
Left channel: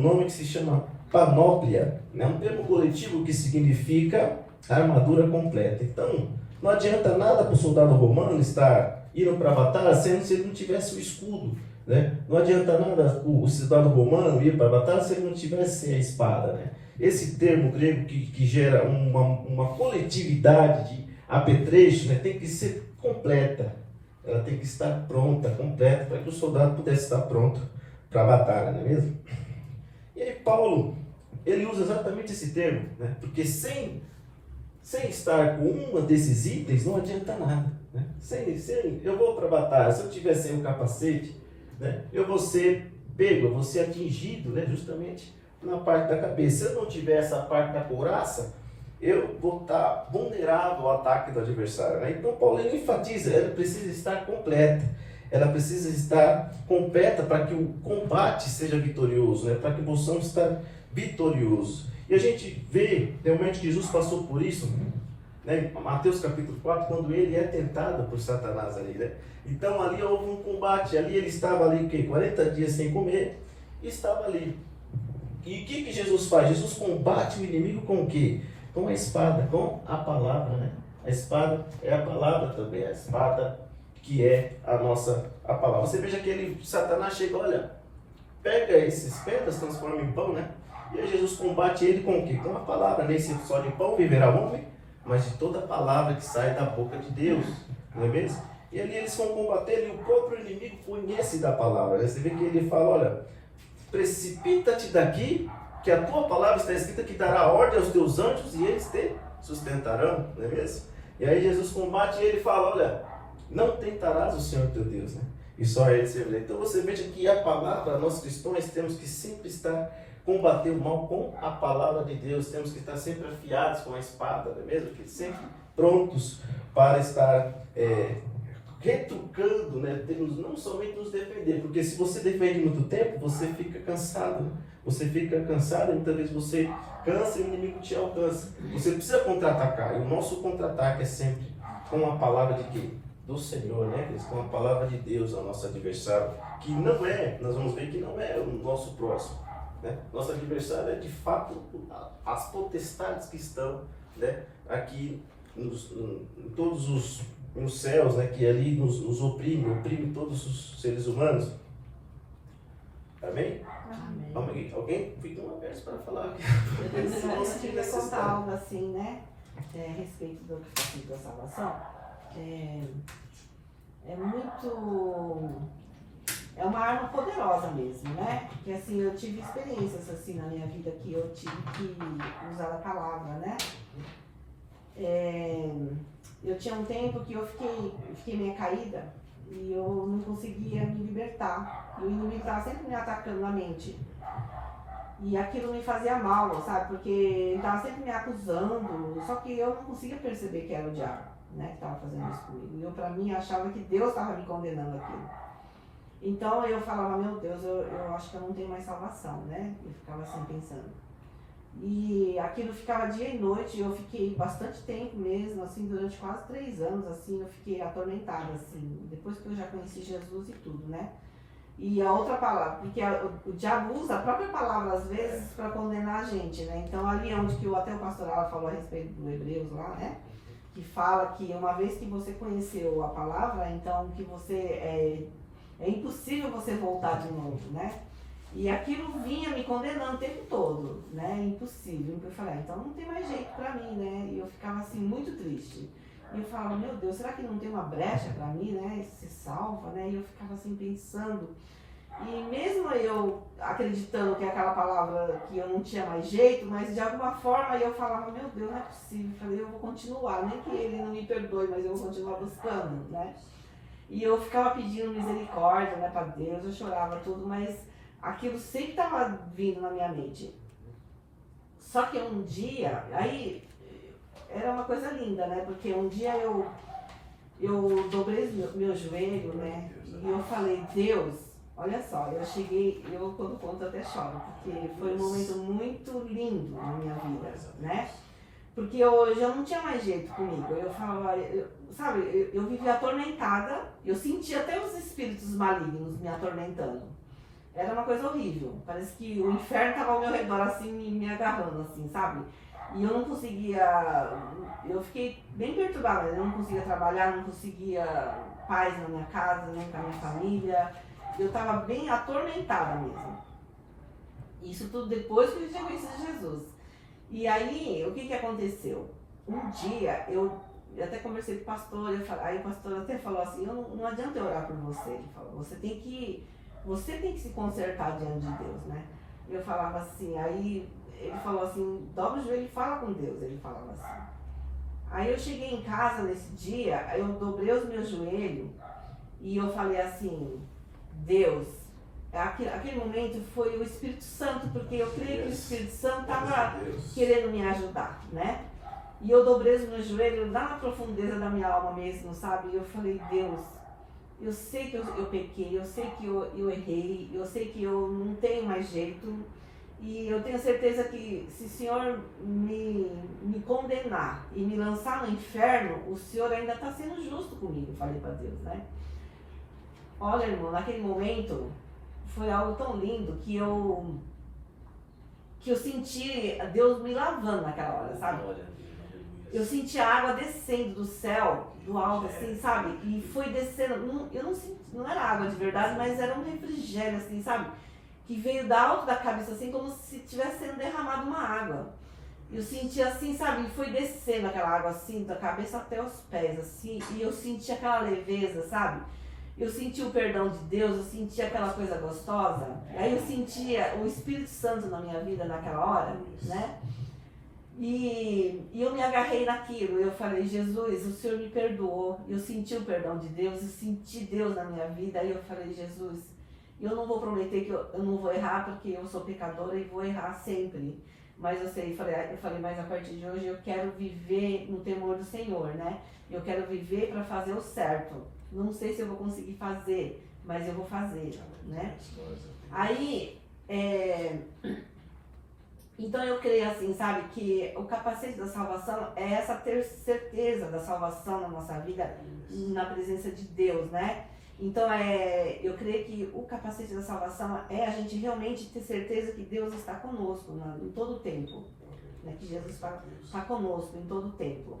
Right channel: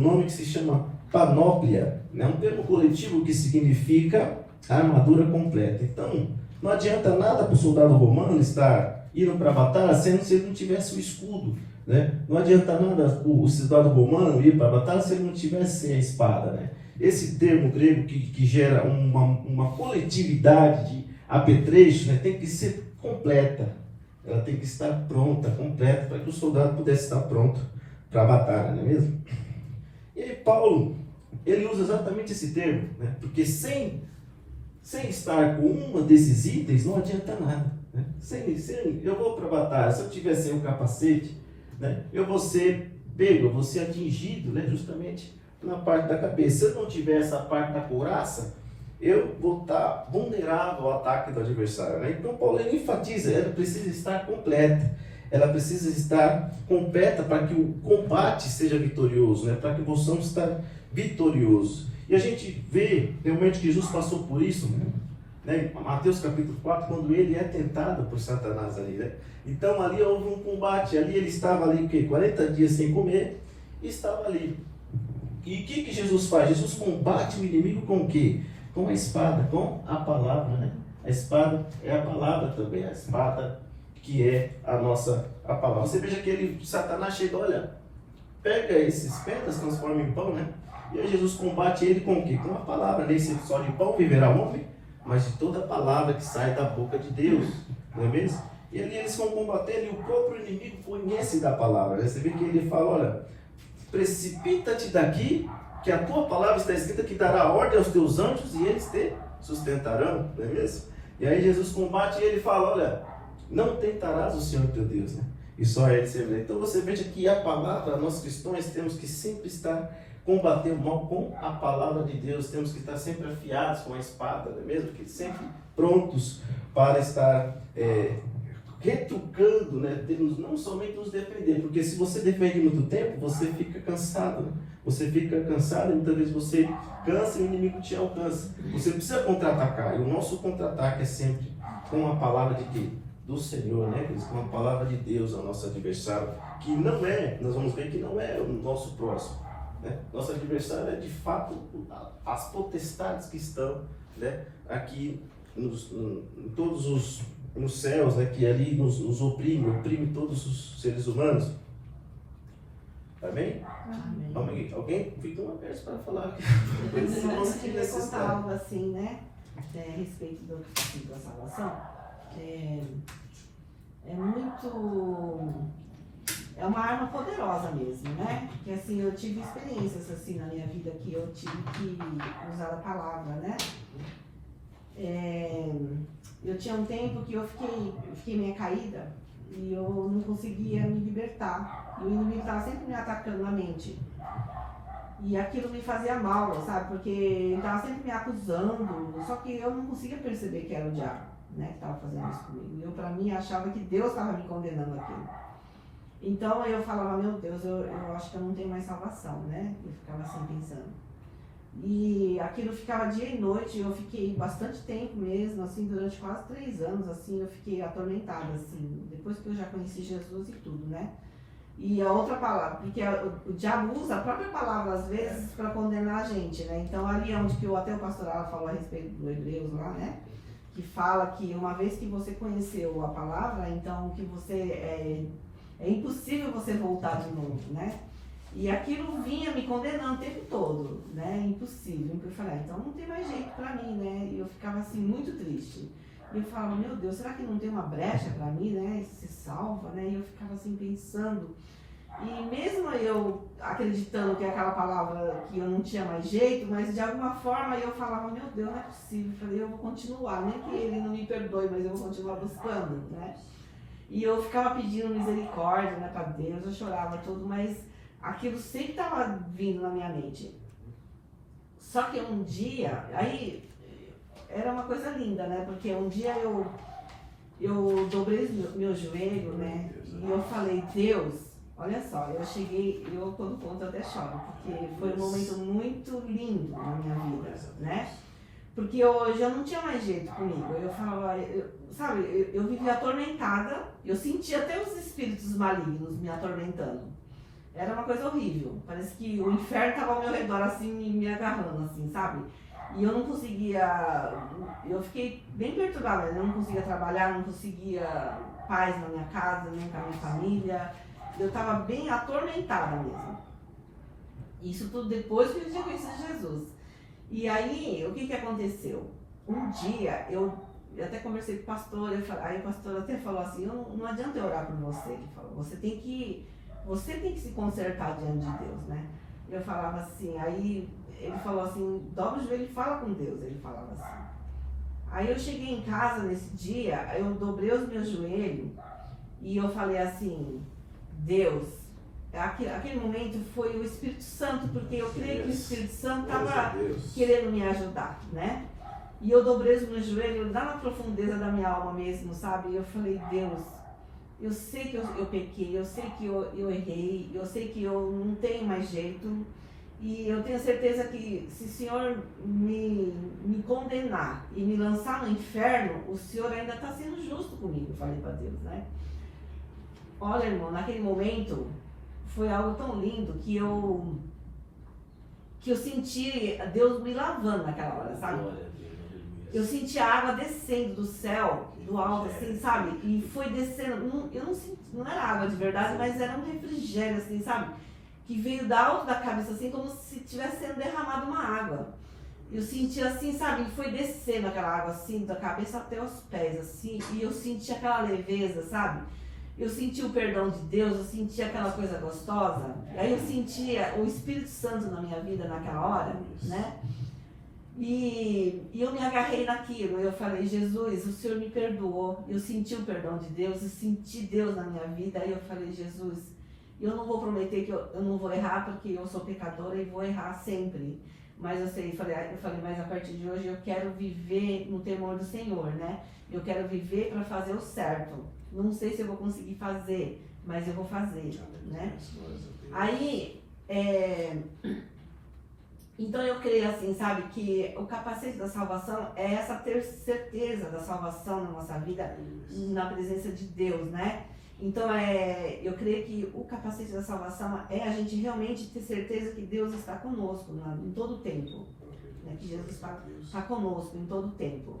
nome que se chama panóplia, né, um termo coletivo que significa armadura completa. Então, não adianta nada para o soldado romano estar indo para a batalha se ele não tivesse o escudo, né? Não adianta nada o soldado romano ir para a batalha se ele não tivesse a espada, né? Esse termo grego que gera uma coletividade de apetrechos, né, tem que ser completa. Ela tem que estar pronta, completa, para que o soldado pudesse estar pronto para a batalha, não é mesmo? E aí Paulo, ele usa exatamente esse termo, né? Porque sem estar com um desses itens, não adianta nada, né? Eu vou para a batalha, se eu tiver sem o capacete, né, eu vou ser pego, eu vou ser atingido, né, justamente na parte da cabeça. Se eu não tiver essa parte da couraça, eu vou estar vulnerável ao ataque do adversário, né? Então Paulo, ele enfatiza, ela precisa estar completa, ela precisa estar completa para que o combate seja vitorioso, né? Para que possamos estar vitoriosos. E a gente vê realmente que Jesus passou por isso, né? Mateus capítulo 4, quando ele é tentado por Satanás ali, né? Então ali houve um combate, ali ele estava ali, o quê? 40 dias sem comer, e estava ali. E o que Jesus faz? Jesus combate o inimigo com o quê? Com a espada, com a palavra, né? A espada é a palavra também, a espada que é a palavra. Você veja que Satanás chega, olha, pega esses pedras, transforma em pão, né? E aí Jesus combate ele com o quê? Com a palavra, nem só de pão viverá o homem, mas de toda a palavra que sai da boca de Deus, não é mesmo? E ali eles vão combater, e o próprio inimigo conhece da palavra, né? Você vê que ele fala, olha, precipita-te daqui, que a tua palavra está escrita que dará ordem aos teus anjos e eles te sustentarão, não é mesmo? E aí Jesus combate e ele fala, olha, não tentarás o Senhor teu Deus, né? E só ele servirá. Então você veja que a palavra, nós cristãos temos que sempre estar combater o mal com a palavra de Deus, temos que estar sempre afiados com a espada, não é mesmo? Que sempre prontos para estar retrucando, né? Temos não somente nos defender, porque se você defende muito tempo, você fica cansado, né? Você fica cansado, muitas vezes você cansa e o inimigo te alcança. Você precisa contra-atacar, e o nosso contra-ataque é sempre com a palavra de quê? Do Senhor, né? Com a palavra de Deus ao nosso adversário, que não é, nós vamos ver que não é o nosso próximo, né? Nosso adversário é de fato as potestades que estão, né, aqui em todos nos céus, né, que ali nos oprime todos os seres humanos. Amém? Amém. Alguém fica uma vez para falar. Eu queria contar algo assim, né? A respeito da salvação. É uma arma poderosa mesmo, né? Porque assim, eu tive experiências assim na minha vida que eu tive que usar a palavra, né? Eu tinha um tempo que eu fiquei meio caída e eu não conseguia me libertar. E o inimigo estava sempre me atacando na mente. E aquilo me fazia mal, sabe? Porque ele estava sempre me acusando, só que eu não conseguia perceber que era o diabo, né, que estava fazendo isso comigo. Eu, para mim, achava que Deus estava me condenando aquilo. Então eu falava, meu Deus, eu acho que eu não tenho mais salvação, né? Eu ficava assim pensando. E aquilo ficava dia e noite, eu fiquei bastante tempo mesmo, assim, durante quase 3 anos, assim, eu fiquei atormentada, assim, depois que eu já conheci Jesus e tudo, né? E a outra palavra, porque o diabo usa a própria palavra, às vezes, para condenar a gente, né? Então, ali onde que até o pastor Ala falou a respeito do Hebreus lá, né? Que fala que uma vez que você conheceu a palavra, então que você é impossível você voltar de novo, né? E aquilo vinha me condenando o tempo todo, né? Impossível. Eu falei, então não tem mais jeito pra mim, né? E eu ficava assim, muito triste. E eu falava, meu Deus, será que não tem uma brecha pra mim, né? Isso se salva, né? E eu ficava assim pensando. E mesmo eu acreditando que aquela palavra que eu não tinha mais jeito, mas de alguma forma eu falava, meu Deus, não é possível. Eu falei, eu vou continuar, nem que ele não me perdoe, mas eu vou continuar buscando, né? E eu ficava pedindo misericórdia, né, pra Deus, eu chorava tudo, mas aquilo sempre estava vindo na minha mente. Só que um dia, aí era uma coisa linda, né? Porque um dia eu dobrei meu joelho, né? E eu falei, Deus, olha só, eu quando conto até choro, porque foi um momento muito lindo na minha vida, né? Porque hoje eu não tinha mais jeito comigo. Eu falava, eu vivia atormentada, eu sentia até os espíritos malignos me atormentando. Era uma coisa horrível. Parece que o inferno estava ao meu redor, assim, me agarrando, assim, sabe? E eu não conseguia... Eu fiquei bem perturbada. Eu não conseguia trabalhar, não conseguia paz na minha casa, nem com a minha família. Eu estava bem atormentada mesmo. Isso tudo depois que eu tinha conhecido Jesus. E aí, o que aconteceu? Um dia, eu até conversei com o pastor, aí o pastor até falou assim, não adianta eu orar por você. Ele falou, você tem que se consertar diante de Deus, né? Eu falava assim, aí ele falou assim, dobra o joelho e fala com Deus, ele falava assim. Aí eu cheguei em casa nesse dia, eu dobrei os meus joelhos e eu falei assim, Deus, aquele momento foi o Espírito Santo, porque eu creio que o Espírito Santo estava querendo me ajudar, né? E eu dobrei os meus joelhos lá na profundeza da minha alma mesmo, sabe? E eu falei, Deus, eu sei que eu pequei, eu sei que eu errei, eu sei que eu não tenho mais jeito. E eu tenho certeza que se o Senhor me condenar e me lançar no inferno, o Senhor ainda está sendo justo comigo, falei para Deus, né? Olha, irmão, naquele momento foi algo tão lindo que eu senti Deus me lavando naquela hora, sabe? Glória a Deus, aleluia. Eu senti a água descendo do céu, do alto, assim, sabe? E foi descendo, eu não senti, não era água de verdade, mas era um refrigério, assim, sabe? Que veio da alto da cabeça, assim, como se tivesse sendo derramado uma água. Eu senti assim, sabe? E foi descendo aquela água, assim, da cabeça até os pés, assim, e eu senti aquela leveza, sabe? Eu senti o perdão de Deus, eu senti aquela coisa gostosa. E aí eu sentia o Espírito Santo na minha vida naquela hora, né? E eu me agarrei naquilo, eu falei, Jesus, o Senhor me perdoou. Eu senti o perdão de Deus, eu senti Deus na minha vida. Aí eu falei, Jesus, eu não vou prometer que eu não vou errar, porque eu sou pecadora e vou errar sempre. Mas eu falei, mas a partir de hoje eu quero viver no temor do Senhor, né? Eu quero viver para fazer o certo. Não sei se eu vou conseguir fazer, mas eu vou fazer, né? Aí, então eu creio assim, sabe, que o capacete da salvação é essa ter certeza da salvação na nossa vida, na presença de Deus, né? Então, eu creio que o capacete da salvação é a gente realmente ter certeza que Deus está conosco, né, em todo o tempo. Né, que Jesus está conosco em todo o tempo.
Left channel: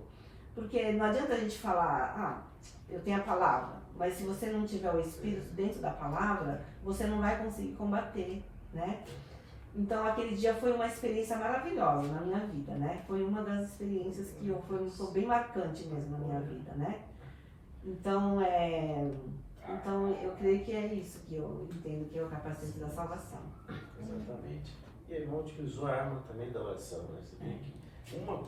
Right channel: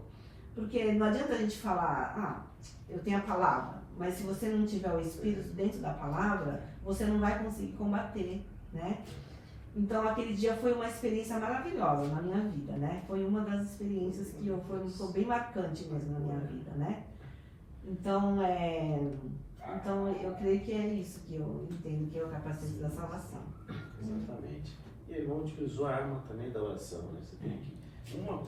Porque não adianta a gente falar, eu tenho a palavra, mas se você não tiver o Espírito dentro da palavra, você não vai conseguir combater, né? Então, aquele dia foi uma experiência maravilhosa na minha vida, né? Foi uma das experiências que foi bem marcante mesmo na minha vida, né? Então, eu creio que é isso que eu entendo que é o capacete da salvação. Exatamente. E a irmã utilizou a arma também da oração, né? Você vê que a irmã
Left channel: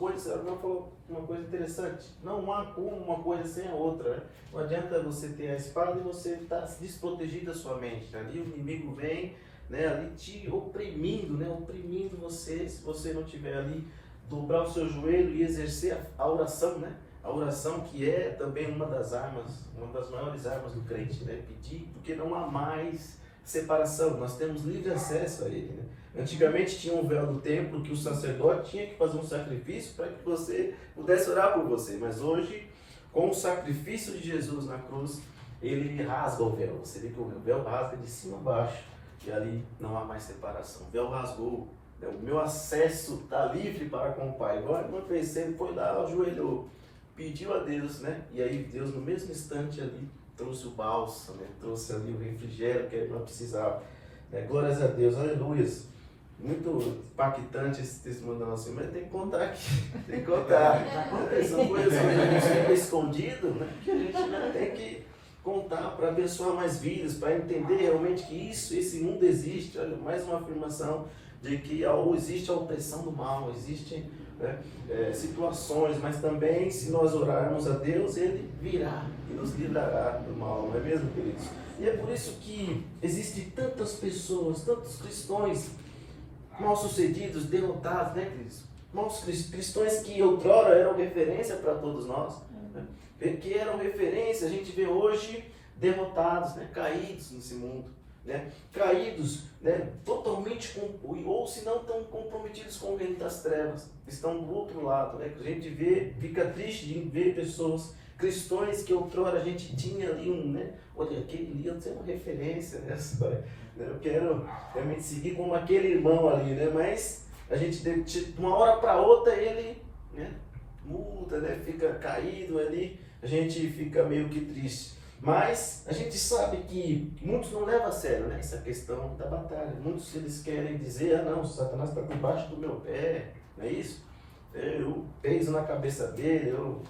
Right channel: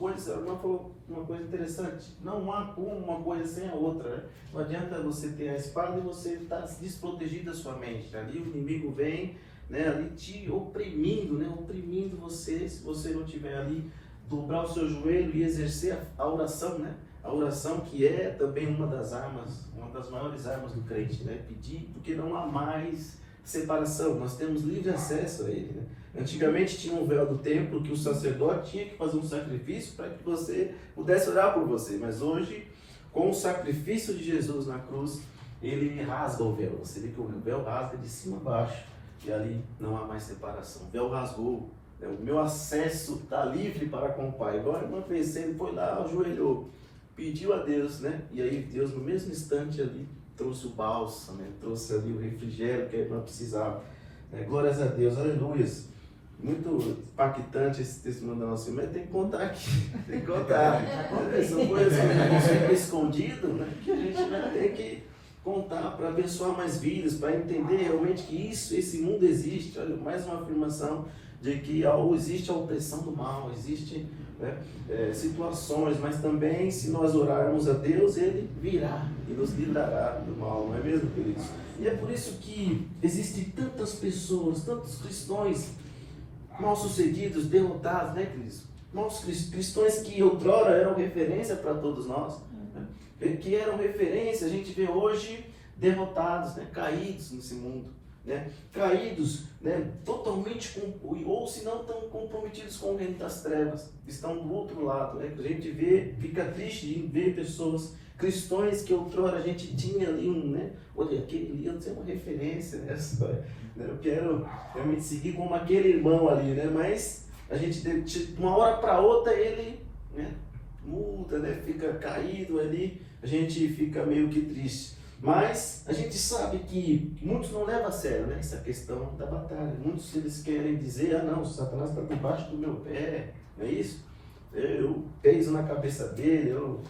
falou uma coisa interessante, não há como uma coisa sem a outra, né? Não adianta você ter a espada e você estar desprotegido da sua mente, né? Ali o inimigo vem, né, ali te oprimindo, né? Oprimindo você, se você não tiver ali, dobrar o seu joelho e exercer a oração, né? A oração que é também uma das armas, uma das maiores armas do crente, né? Pedir, porque não há mais separação, nós temos livre acesso a ele, né? Antigamente tinha um véu do templo que o sacerdote tinha que fazer um sacrifício para que você pudesse orar por você, mas hoje, com o sacrifício de Jesus na cruz, ele rasga o véu, você vê que o véu rasga de cima a baixo, e ali não há mais separação, o véu rasgou, né? O meu acesso está livre para com o Pai. Agora não pensei, ele foi lá, ajoelhou, pediu a Deus, né? E aí Deus no mesmo instante ali trouxe o bálsamo, né? Trouxe ali o refrigério que a irmã precisava, né? Glórias a Deus, aleluia. Muito impactante esse testemunho da nossa irmã, tem que contar aqui, tem que contar. São coisas que ficam escondidas, né? Que a gente tem que contar para abençoar mais vidas, para entender realmente que esse mundo existe. Olha, mais uma afirmação de que existe a opressão do mal, existem, né, situações, mas também se nós orarmos a Deus, Ele virá e nos livrará do mal, não é mesmo, queridos? E é por isso que existem tantas pessoas, tantos cristãos mal sucedidos, derrotados, né, queridos? Nossos cristãos que outrora eram referência para todos nós, né? Que eram referência, a gente vê hoje derrotados, né? Caídos nesse mundo, né? Caídos, né? Totalmente, ou se não tão comprometidos com o reino das trevas, estão do outro lado, né? A gente vê, fica triste em ver pessoas, cristãos que outrora a gente tinha ali né? Olha, aquele ali é uma referência, né? Eu quero realmente seguir como aquele irmão ali, né? Mas a gente, de uma hora para outra, ele, né, muda, né? Fica caído ali, a gente fica meio que triste. Mas a gente sabe que muitos não levam a sério, né, essa questão da batalha. Muitos eles querem dizer, não, o Satanás está por baixo do meu pé, não é isso? Eu peso na cabeça dele, eu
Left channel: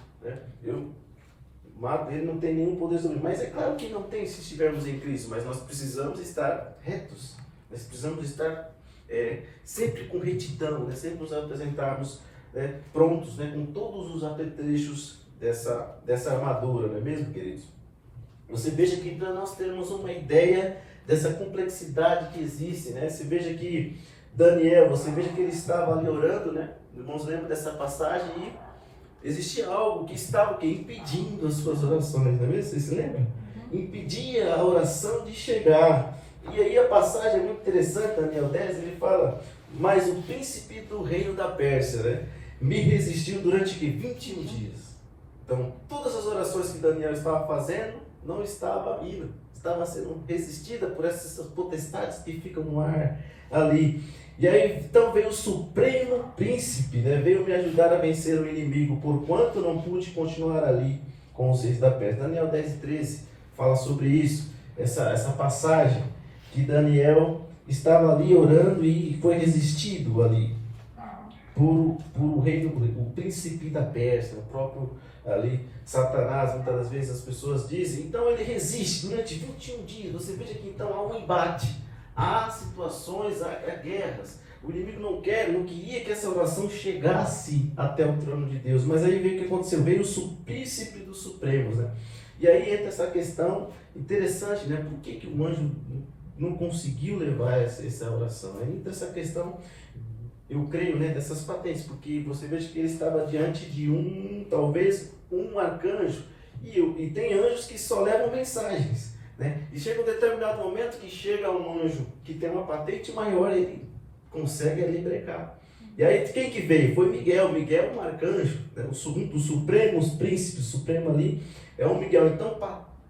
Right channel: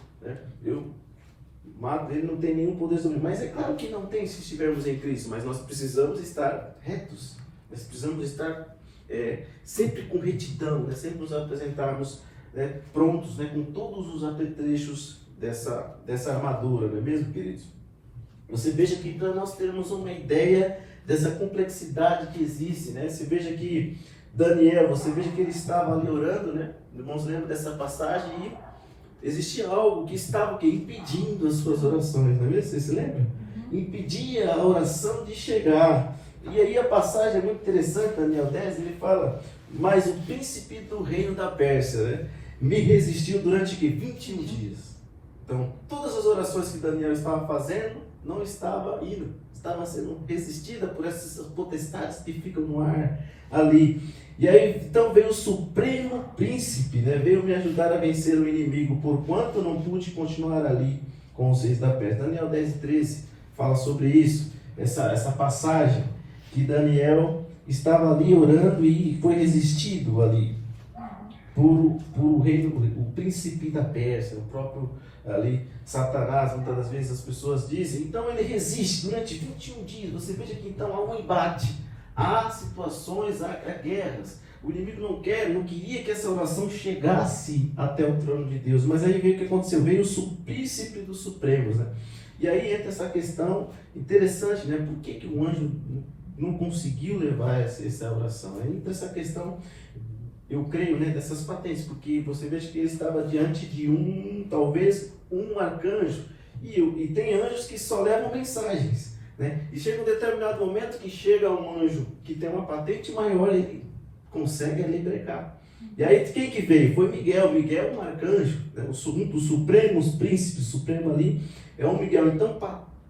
mato ele, não tem nenhum poder sobre mim. Mas é claro que não tem se estivermos em Cristo, mas nós precisamos estar retos, nós precisamos estar sempre com retidão, né? Sempre nos apresentarmos, né, prontos, né, com todos os apetrechos dessa armadura, não é mesmo, queridos? Você veja que para nós termos uma ideia dessa complexidade que existe, né? Você veja que Daniel, você veja que ele estava ali orando, né? Irmãos, lembram dessa passagem e existia algo que estava impedindo as suas orações, não é mesmo? Você se lembra? impedia a oração de chegar. E aí a passagem é muito interessante, Daniel 10, ele fala, mas o príncipe do reino da Pérsia, né, me resistiu durante 21 dias. Então, todas as orações que Daniel estava fazendo, não estava indo, estava sendo resistida por essas potestades que ficam no ar ali. E aí, então veio o supremo príncipe, né, veio me ajudar a vencer o inimigo, porquanto não pude continuar ali com os reis da Pérsia. Daniel 10 e 13 fala sobre isso, essa passagem, que Daniel estava ali orando e foi resistido ali por o reino, o príncipe da Pérsia, o próprio ali, Satanás. Muitas das vezes as pessoas dizem, então ele resiste durante 21 dias. Você veja que então há um embate, há situações, há guerras. O inimigo não queria que essa oração chegasse até o trono de Deus, mas aí veio o que aconteceu, veio o príncipe dos supremos, né? E aí entra essa questão interessante, né? Por que o anjo não conseguiu levar essa oração? Aí entra essa questão, eu creio, né, dessas patentes, porque você veja que ele estava diante de talvez um arcanjo, e tem anjos que só levam mensagens, né? E chega um determinado momento que chega um anjo que tem uma patente maior, ele consegue ali brecar. E aí quem que veio? Foi Miguel. Miguel é um arcanjo, né? Um dos supremos príncipes, supremo ali é um Miguel. Então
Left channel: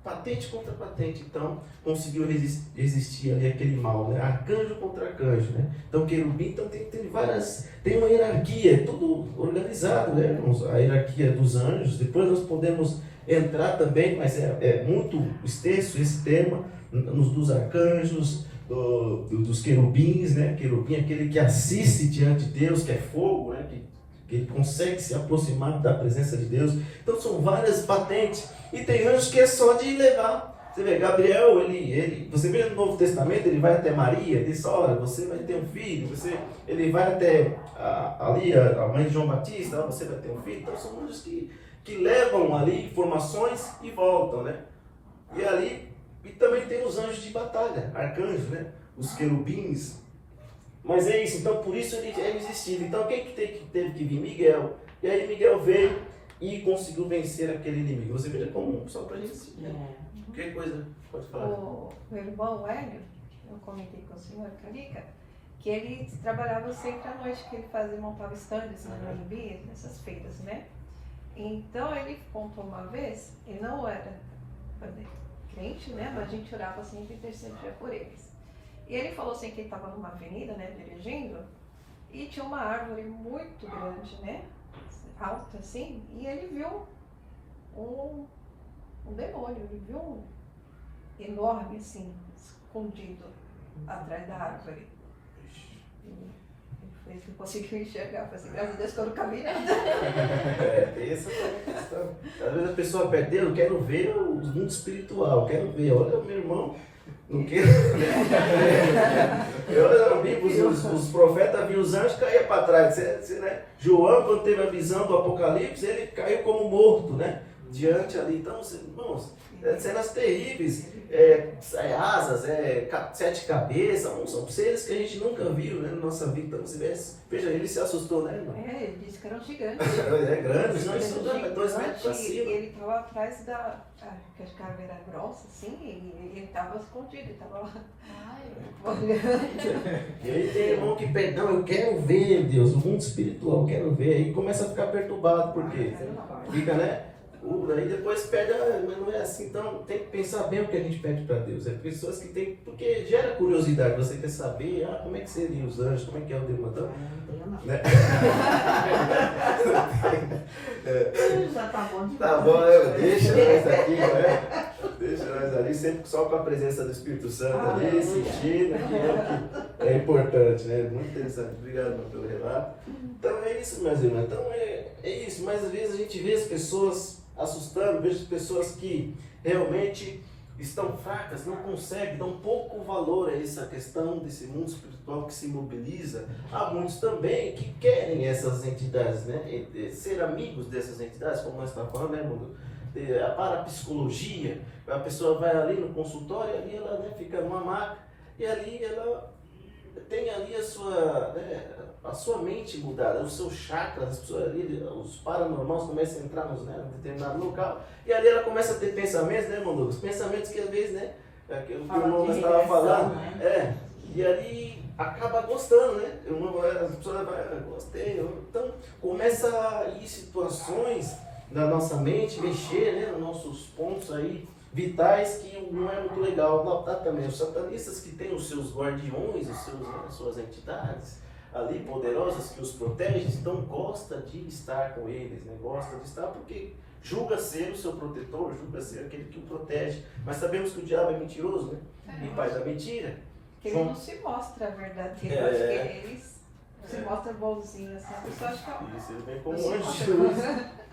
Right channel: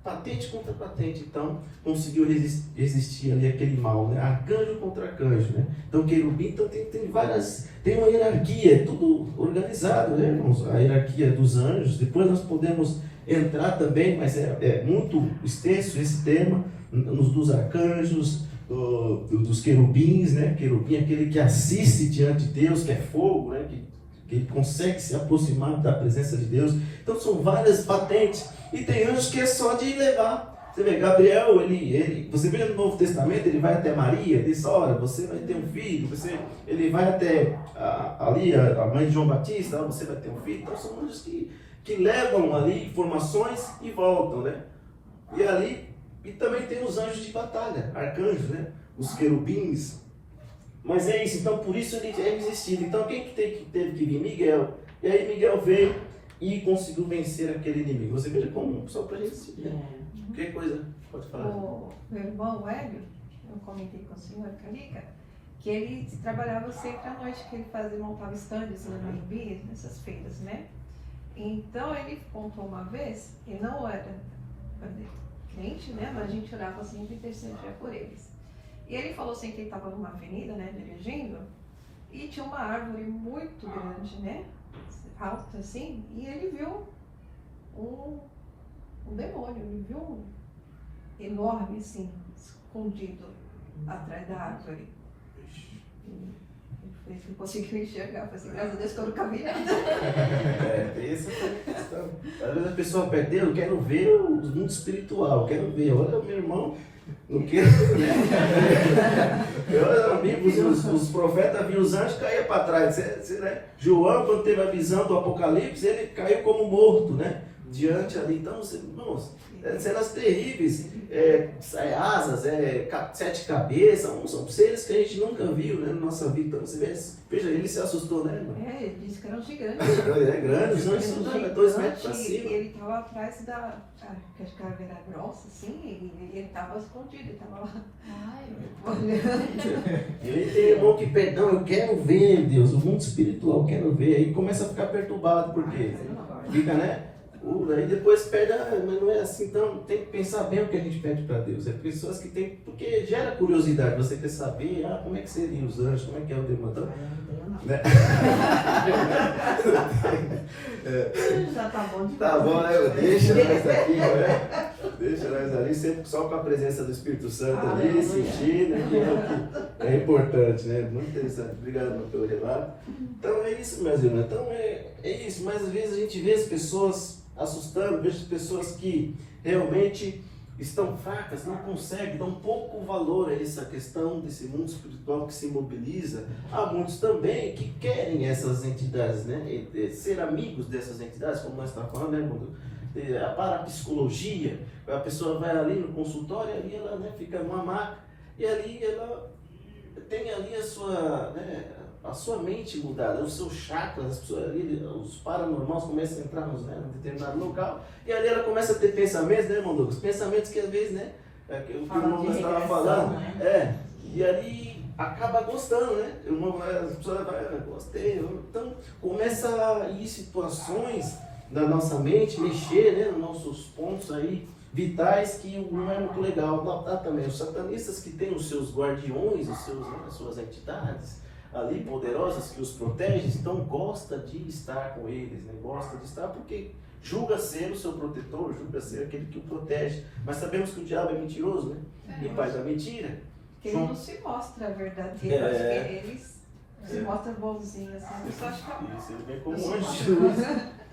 patente contra patente, então conseguiu resistir ali aquele mal, né? Arcanjo contra arcanjo, né? Então querubim, então tem uma hierarquia, é tudo organizado, né, irmãos? A hierarquia dos anjos, depois nós podemos entrar também, mas é muito extenso esse tema, dos arcanjos, dos querubins, né? Querubim é aquele que assiste diante de Deus, que é fogo, né? Que consegue se aproximar da presença de Deus. Então são várias patentes. E tem anjos que é só de levar. Você vê, Gabriel, você vê no Novo Testamento, ele vai até Maria, diz, olha, você vai ter um filho, ele vai até ali, a mãe de João Batista, você vai ter um filho. Então são anjos que levam ali informações e voltam, né? E também tem os anjos de batalha, arcanjos, né? Os querubins. Mas é isso, então por isso ele é resistido. Então quem que teve que vir? Miguel. E aí Miguel veio e conseguiu vencer aquele inimigo. Você veja como só para resistir, né? Que coisa, pode falar. O irmão Hélio, eu comentei com a senhora Carica, que ele trabalhava sempre à noite, que ele montava estandes lá no Anhembi, nessas feiras, né? Então ele contou uma vez, ele não era crente, né? Mas a gente orava sempre e intercedia por eles. E ele falou assim que ele estava numa avenida, né, dirigindo, e tinha uma árvore muito grande, né, alta assim, e ele viu um demônio, ele viu um enorme assim, escondido atrás da árvore. Ele não conseguiu enxergar, falei assim, graças a Deus que eu não caminhando. Tem essa questão. Às vezes a pessoa perde, eu quero ver o mundo espiritual, quero ver, olha o meu irmão. Não quero, né? Os profetas viam os anjos caíam para trás. Né? João, quando teve a visão do Apocalipse, ele caiu como morto, né? Diante ali. Então, irmãos, cenas terríveis. Asas, 7 cabeças, são seres que a gente nunca viu, né, na nossa vida. Então, veja, ele se assustou, né, irmão? Ele disse que era um gigante. É grande, não, isso não é 2 metros para cima. Ele estava atrás que acho que a árvore era grossa, assim, e ele estava escondido, ele estava lá olhando. E aí tem irmão que pede, não, eu quero ver, Deus, o mundo espiritual, eu quero ver. Aí começa a ficar perturbado, porque fica, né? Aí depois perde, mas não é assim, então tem que pensar bem o que a gente pede para Deus. É pessoas que tem, porque gera curiosidade, você quer saber, como é que seriam os anjos, como é que é o demônio, né? Já tá bom demais. Tá bom, deixa nós aqui, né? Deixa nós ali, sempre só com a presença do Espírito Santo ali, sentindo, que é importante, né? Muito interessante, obrigado pelo relato. Então é isso, meus irmãos, então é isso, mas às vezes a gente vê as pessoas assustando, vejo pessoas que realmente estão fracas, não conseguem, dão pouco valor a essa questão desse mundo espiritual que se mobiliza. Há muitos também que querem essas entidades, né? Ser amigos dessas entidades, como nós estamos falando, né? A parapsicologia, a pessoa vai ali no consultório, ali ela, né, fica numa maca, e ali ela tem ali a sua mente mudada, os seus chakras, as pessoas ali, os paranormais começam a entrar em determinado local, e ali ela começa a ter pensamentos, né, irmão Douglas? Pensamentos que às vezes, né, aquilo que o irmão estava falando, né? e ali acaba gostando, né? As pessoas gostei, então começa a ir situações da nossa mente, mexer, né, nos nossos pontos aí vitais que não é muito legal. Notar também os satanistas que têm os seus guardiões, as suas entidades ali poderosas que os protegem, então gosta de estar com eles, né? Gosta de estar porque julga ser o seu protetor, julga ser aquele que o protege. Mas sabemos que o diabo é mentiroso, né? E pai da mentira. Ele não se mostra verdadeiro, acho que eles se mostram bonzinhos, assim, a pessoa acha que Isso, ele vem como anjo de luz.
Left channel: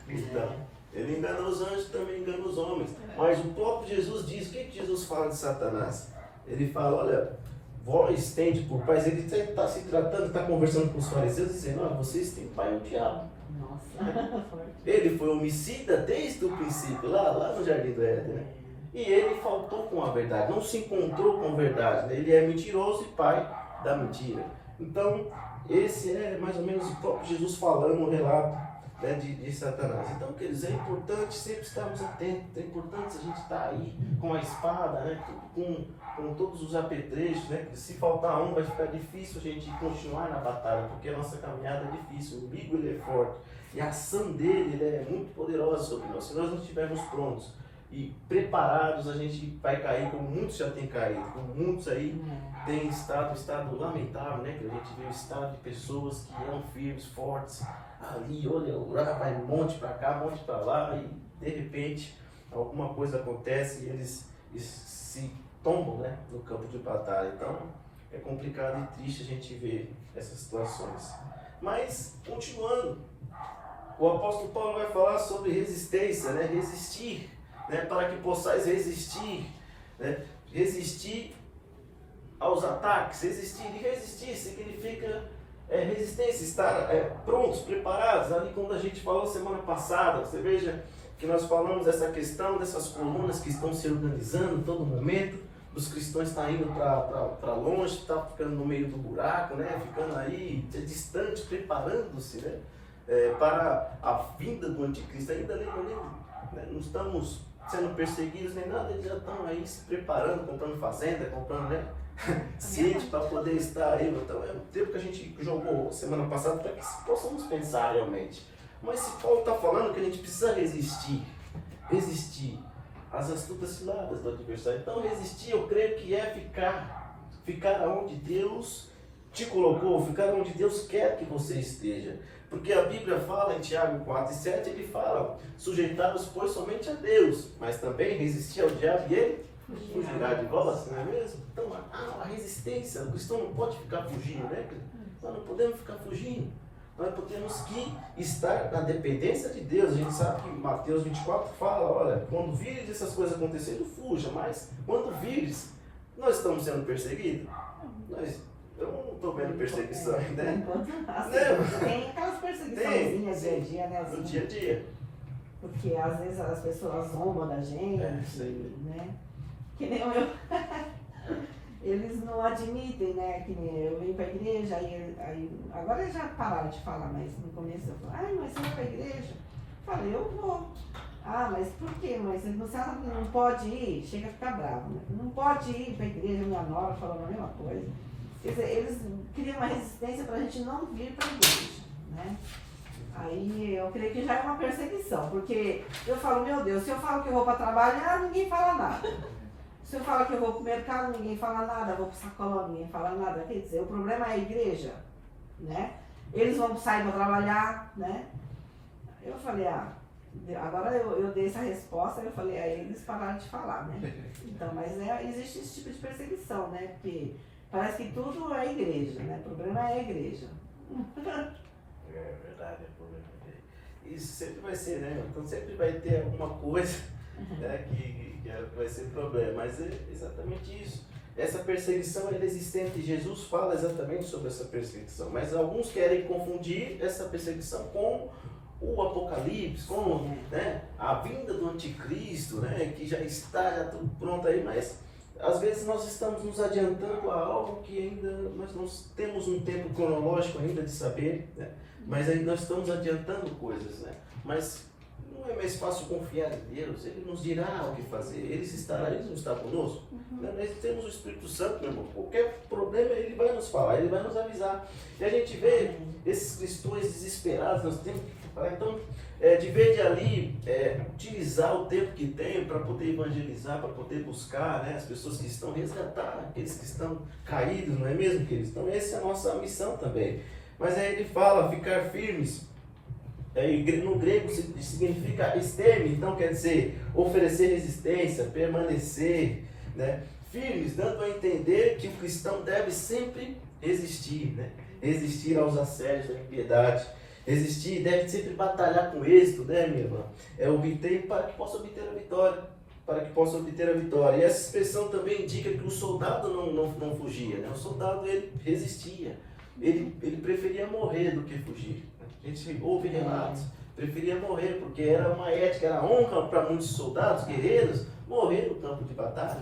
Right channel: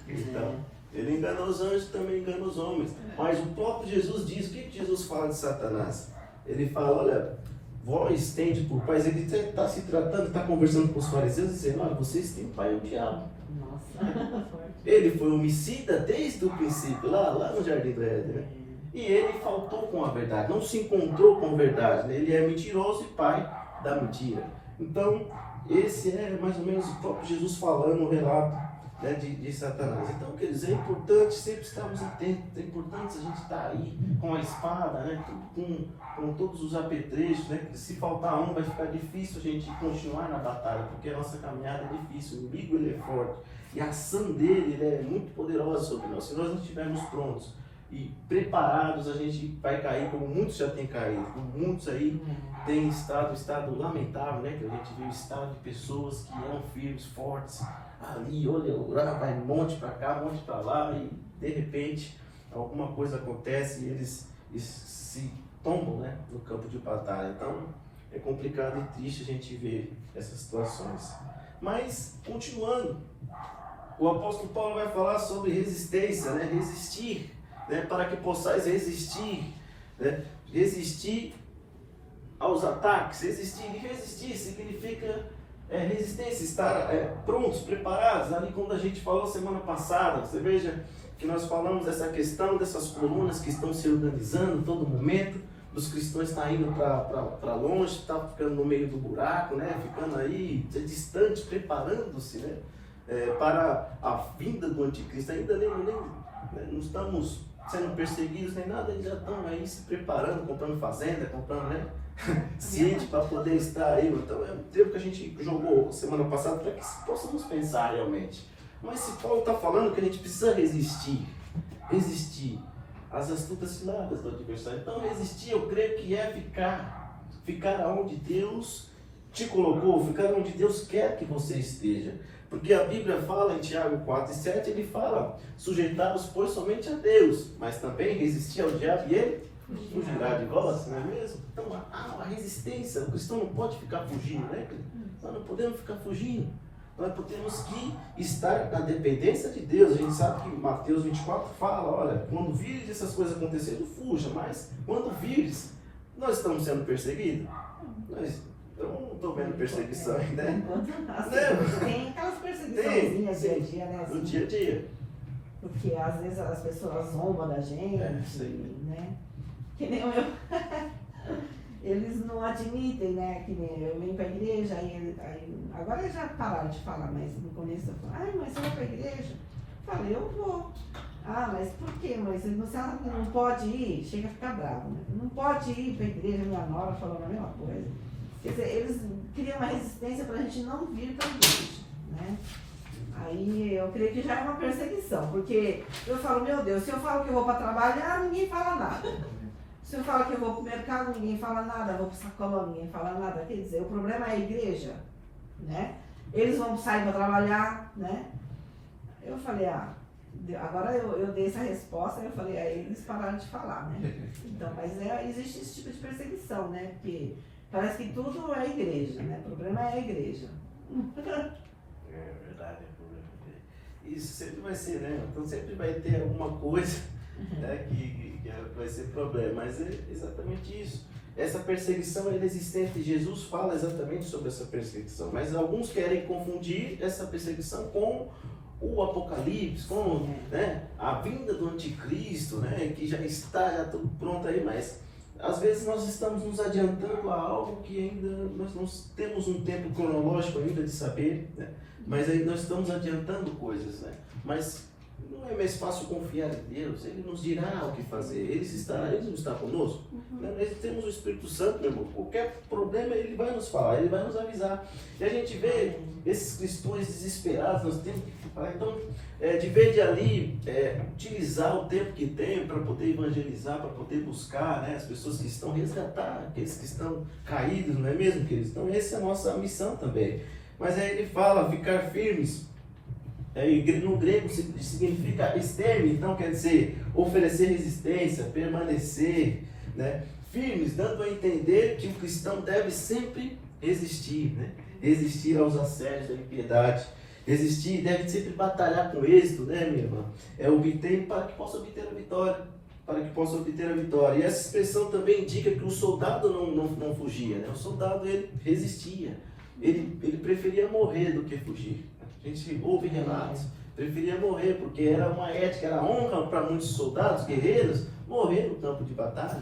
Então, ele engana os anjos, também engana os homens. Mas o próprio Jesus diz, o que Jesus fala de Satanás? Ele fala, olha, vós tende por pais, ele está se tratando, está conversando com os fariseus, dizendo, olha, vocês têm pai o diabo. Nossa. Ele foi homicida desde o princípio, lá no Jardim do Éden, né? E ele faltou com a verdade, não se encontrou com a verdade, né? Ele é mentiroso e pai da mentira. Então, esse é mais ou menos o próprio Jesus falando o relato, né, de Satanás. Então, quer dizer, é importante sempre estarmos atentos, é importante a gente estar aí com a espada, né, com todos os apetrechos, né? Se faltar um vai ficar difícil a gente continuar na batalha, porque a nossa caminhada é difícil, o inimigo ele é forte, e a ação dele é muito poderosa sobre nós. Se nós não estivermos prontos e preparados, a gente vai cair, como muitos já têm caído, como muitos aí têm estado lamentável, né? Que a gente viu o estado de pessoas que eram firmes, fortes, ali, olha, vai um monte para cá, um monte para lá, e de repente alguma coisa acontece e eles se tombam, né, no campo de batalha. Então é complicado e triste a gente ver essas situações. Mas, continuando, o apóstolo Paulo vai falar sobre resistência, né? Resistir, né? Para que possais resistir, né? Resistir aos ataques. Resistir significa resistência, estar prontos, preparados. Ali quando a gente falou semana passada, você veja que nós falamos dessa questão, dessas colunas que estão se organizando todo momento, os cristãos estão indo para longe, estão ficando no meio do buraco, né? Ficando aí distantes, preparando-se, né? Para a vinda do anticristo. Ainda não estamos sendo perseguidos nem nada, eles já estão aí se preparando, comprando fazenda, comprando, né? Sítio para poder estar aí. Então é um tempo que a gente jogou semana passada para que possamos pensar realmente. Mas se Paulo está falando que a gente precisa resistir às astutas ciladas do adversário. Então resistir, eu creio que é ficar onde Deus te colocou, ficar onde Deus quer que você esteja. Porque a Bíblia fala em Tiago 4:7, ele fala, sujeitar-os pois somente a Deus, mas também resistir ao diabo e ele fugirá de vós, não é mesmo? Então a resistência, o cristão não pode ficar fugindo, né? Nós não podemos ficar fugindo. Nós temos que estar na dependência de Deus. A gente sabe que Mateus 24 fala, olha, quando vires essas coisas acontecendo, fuja. Mas quando vires, nós estamos sendo perseguidos? Eu não estou vendo perseguição, né? Tem aquelas perseguiçõezinhas dia a dia, né? No dia a dia. Porque às vezes as pessoas zombam da gente, né? Que nem o meu... Eles não admitem, né? Que nem eu venho para a igreja, agora eles já pararam de falar, mas no começo eu falei, mas você vai para a igreja? Eu falei, eu vou. Mas por quê? Mas você não pode ir? Chega a ficar bravo, né? Não pode ir para a igreja, minha nora falando a mesma coisa. Quer dizer, eles criam uma resistência para a gente não vir para a igreja, né? Aí eu creio que já é uma perseguição, porque eu falo, meu Deus, se eu falo que eu vou para trabalhar, ninguém fala nada. Se eu falo que eu vou para o mercado, ninguém fala nada, eu vou para o sacolão, ninguém fala nada. Quer dizer, o problema é a igreja, né? Eles vão sair para trabalhar, né? Eu falei, agora eu dei essa resposta, eu falei, aí eles pararam de falar, né? Então, mas existe esse tipo de perseguição, né? Porque parece que tudo é igreja, né? O problema é a igreja. É verdade, é problema. Isso sempre vai ser, né? Então sempre vai ter alguma coisa, né, que vai ser problema, mas é exatamente isso. Essa perseguição é existente. Jesus fala exatamente sobre essa perseguição, mas alguns querem confundir essa perseguição com o Apocalipse, com, né, a vinda do anticristo, né, que já está tudo pronto aí, mas às vezes nós estamos nos adiantando a algo que ainda nós não temos um tempo cronológico ainda de saber, né? Mas aí nós estamos adiantando coisas, né? Mas não é mais fácil confiar em Deus, Ele nos dirá o que fazer, Ele não está conosco. Nós temos o Espírito Santo, meu irmão, qualquer problema Ele vai nos falar, Ele vai nos avisar. E a gente vê esses cristãos desesperados, nós temos que falar, então, de vez de ali, utilizar o tempo que tem para poder evangelizar, para poder buscar, né, as pessoas que estão resgatar, aqueles que estão caídos, não é mesmo, queridos? Então essa é a nossa missão também. Mas aí ele fala, ficar firmes. No grego significa esteme, então quer dizer oferecer resistência, permanecer, né? Firmes, dando a entender que o cristão deve sempre resistir, né? Resistir aos assédios, à impiedade, resistir, deve sempre batalhar com êxito, né, minha irmã? Obter para que possa obter a vitória, para que possa obter a vitória. E essa expressão também indica que o soldado não fugia, né? O soldado ele resistia, ele preferia morrer do que fugir. A gente ouve relatos, preferia morrer, porque era uma ética, era honra para muitos soldados, guerreiros, morrer no campo de batalha.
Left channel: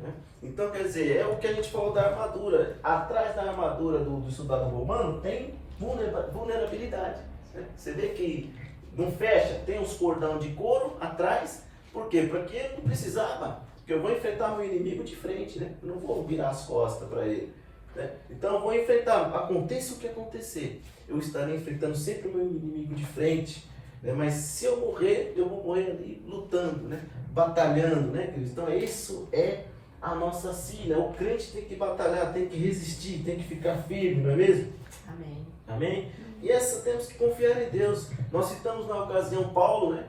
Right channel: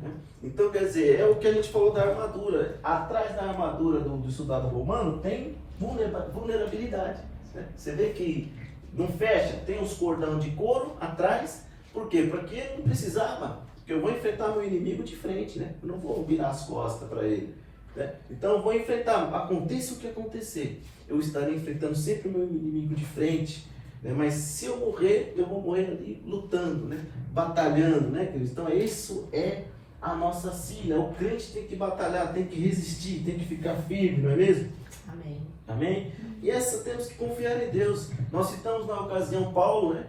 Né? Então, quer dizer, é o que a gente falou da armadura. Atrás da armadura do soldado romano tem vulnerabilidade. Né? Você vê que não fecha, tem uns cordão de couro atrás, por quê? Porque não precisava, porque eu vou enfrentar meu inimigo de frente, né? Eu não vou virar as costas para ele. Né? Então eu vou enfrentar, aconteça o que acontecer, eu estarei enfrentando sempre o meu inimigo de frente, né? Mas se eu morrer, eu vou morrer ali lutando, né? Batalhando, né, queridos? Então isso é a nossa sina. O crente tem que batalhar, tem que resistir, tem que ficar firme, não é mesmo? Amém. Amém? E essa temos que confiar em Deus. Nós citamos na ocasião Paulo, né?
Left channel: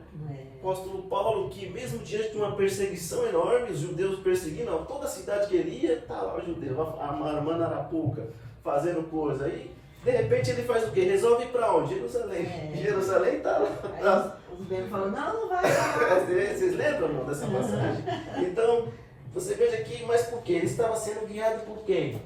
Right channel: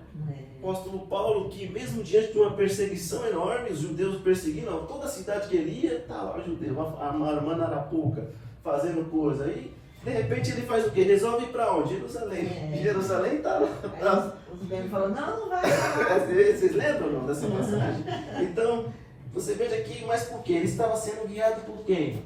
O apóstolo Paulo, que mesmo diante de uma perseguição enorme, os judeus perseguindo, toda a cidade que ele ia, tá lá o judeu, a irmã na Arapuca, fazendo coisa. Aí, de repente, ele faz o quê? Resolve ir para onde? Jerusalém. Jerusalém tá lá. Os judeus falou, não vai lá. Vocês lembram não, dessa passagem? Então, você veja aqui, mas por quê? Ele estava sendo guiado por quem?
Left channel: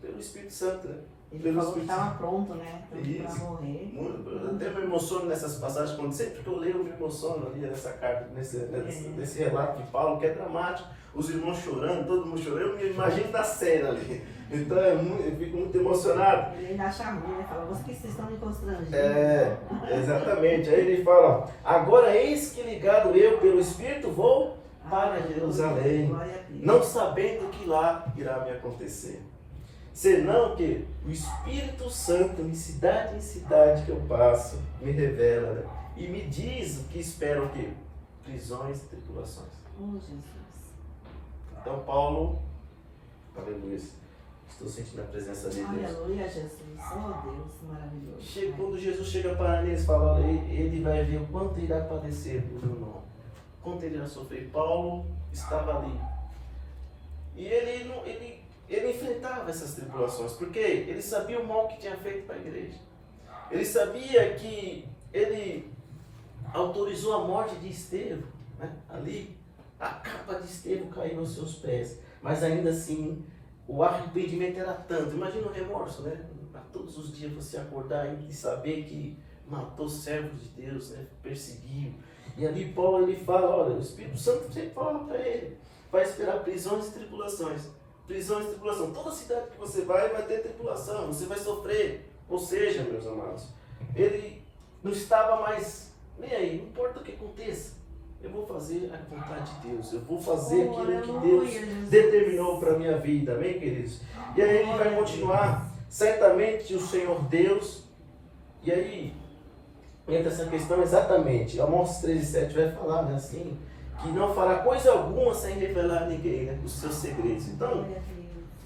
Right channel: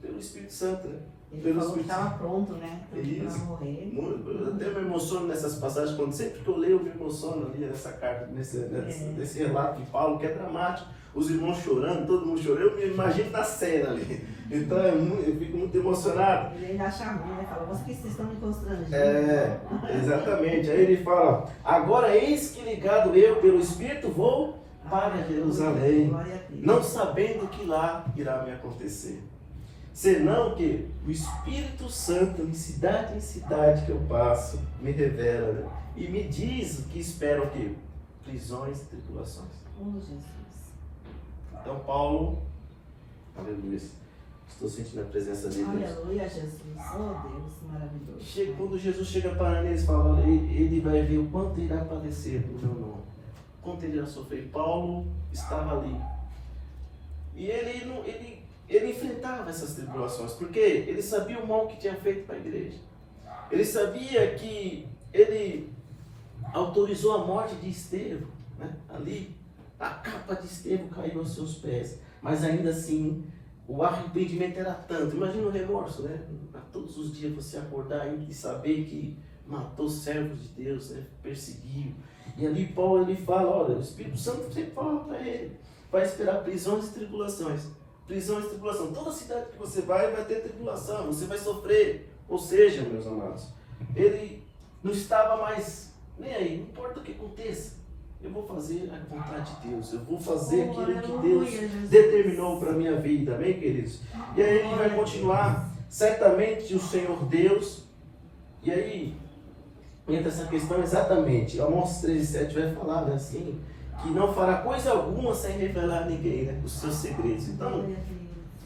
Pelo Espírito Santo, né? Ele falou que estava pronto, né? Para morrer. Eu até me emociono nessas passagens, quando sempre que eu leio, eu me emociono ali nessa carta, nesse relato de Paulo, que é dramático. Os irmãos chorando, todo mundo chorando, eu me imagino na cena ali. Então eu fico muito emocionado. Ele ainda chamou, né? Falou, vocês estão me constrangendo. Exatamente. Aí ele fala, agora eis que ligado eu pelo Espírito vou para Jerusalém, não sabendo que lá irá me acontecer. Senão que o Espírito Santo, de cidade em cidade que eu passo, me revela, né? E me diz o que esperam aqui: prisões e tribulações. Oh, Jesus. Então Paulo, aleluia, estou sentindo a presença dele. Aleluia, Jesus. Oh, Deus, maravilhoso. Quando Jesus chega para eles, fala, ele vai ver o quanto irá padecer por meu nome, quanto ele irá sofrer. Paulo estava ali. E ele enfrentava essas tribulações, porque ele sabia o mal que tinha feito para a igreja. Ele sabia que ele autorizou a morte de Estevão, né? Ali, a capa de Estevão caiu aos seus pés. Mas ainda assim, o arrependimento era tanto. Imagina o remorso, né? A todos os dias você acordar e saber que matou servos de Deus, né? Perseguiu. E ali Paulo ele fala, olha, o Espírito Santo sempre fala para ele, vai esperar prisões e tribulações. Prisões e tribulação. Toda cidade que você vai ter tribulação, você vai sofrer. Ou seja, meus amados, ele não estava mais nem aí, não importa o que aconteça. Eu vou fazer a vontade de Deus, eu vou fazer aquilo que Deus determinou para a minha vida, amém, queridos? E aí ele vai continuar, certamente o Senhor Deus, e aí entra essa questão exatamente, Amós 13:7 vai falar, né, assim, que não fará coisa alguma sem revelar a ninguém, né, os seus segredos. Então,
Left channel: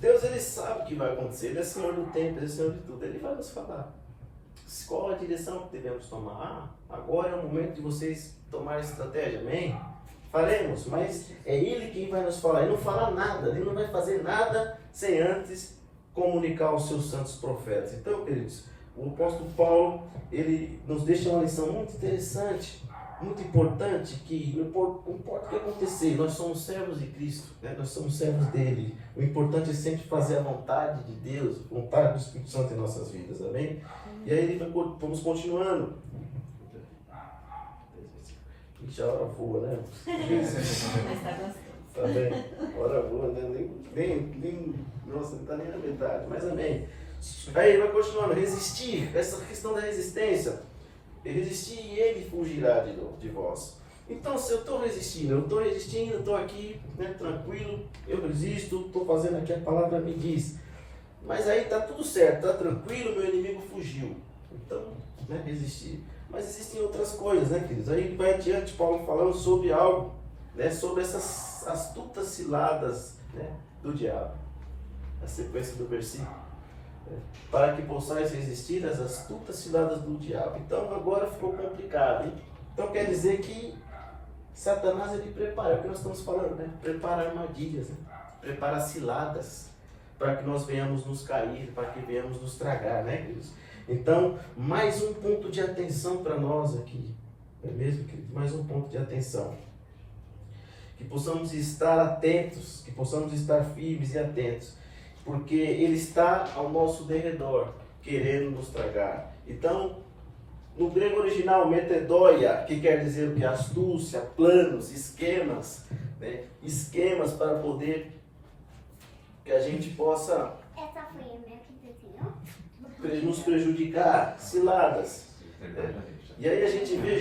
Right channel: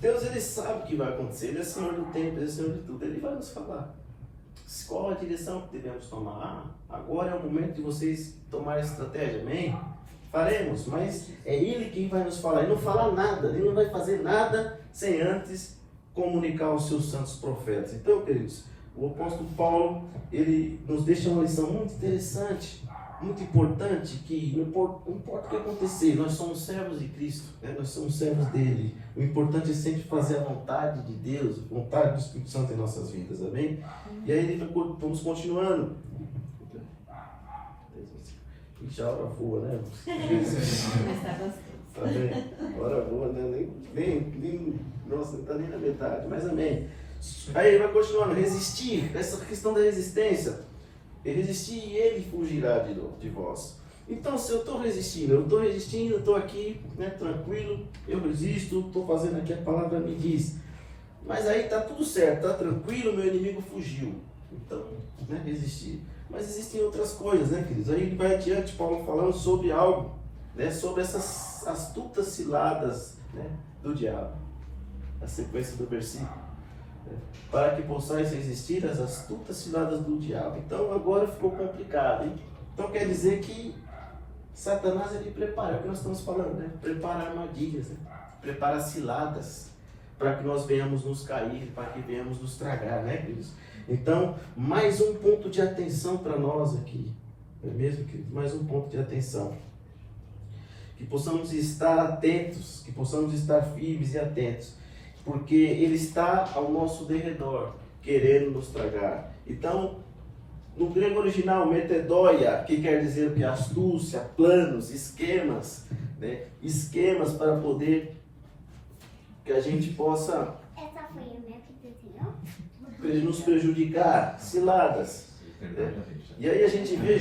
Deus ele sabe o que vai acontecer, ele é Senhor do tempo, ele é Senhor de tudo, ele vai nos falar. Qual a direção que devemos tomar? Agora é o momento de vocês tomarem estratégia, amém? Faremos, mas é Ele quem vai nos falar. Ele não fala nada, Ele não vai fazer nada sem antes comunicar aos seus santos profetas. Então, queridos, o apóstolo Paulo, ele nos deixa uma lição muito interessante, muito importante, que não importa o que acontecer, nós somos servos de Cristo, né? Nós somos servos dele. O importante é sempre fazer a vontade de Deus, a vontade do Espírito Santo em nossas vidas, amém? E aí vamos continuando. Já a hora voa, né? Amém. Bora boa, né? Nossa, não está nem na metade, mas amém. Aí ele vai continuando, resistir, essa questão da resistência. Resistir e ele fugirá de vós. Então, se eu estou resistindo, eu estou aqui, né, tranquilo, eu resisto, estou fazendo aqui a palavra me diz. Mas aí está tudo certo, está tranquilo, meu inimigo fugiu. Então, né, resistir. Mas existem outras coisas, né, queridos? Aí ele vai adiante, Paulo falando sobre algo, né, sobre essas astutas ciladas, né, do diabo. A sequência do versículo. Para que possais resistir às astutas ciladas do diabo. Então agora ficou complicado, hein? Então quer dizer que Satanás ele prepara, é o que nós estamos falando, né? Prepara armadilhas, né? Prepara ciladas para que nós venhamos nos cair, para que venhamos nos tragar, né, queridos? Então, mais um ponto de atenção para nós aqui, não é mesmo, queridos? Mais um ponto de atenção. Que possamos estar atentos, que possamos estar firmes e atentos. Porque ele está ao nosso derredor, querendo nos tragar. Então, no grego original, metedóia, que quer dizer o que? Astúcia, planos, esquemas, né? Esquemas para poder que a gente possa Essa foi a minha que desenhou? nos prejudicar, ciladas. E aí a gente vê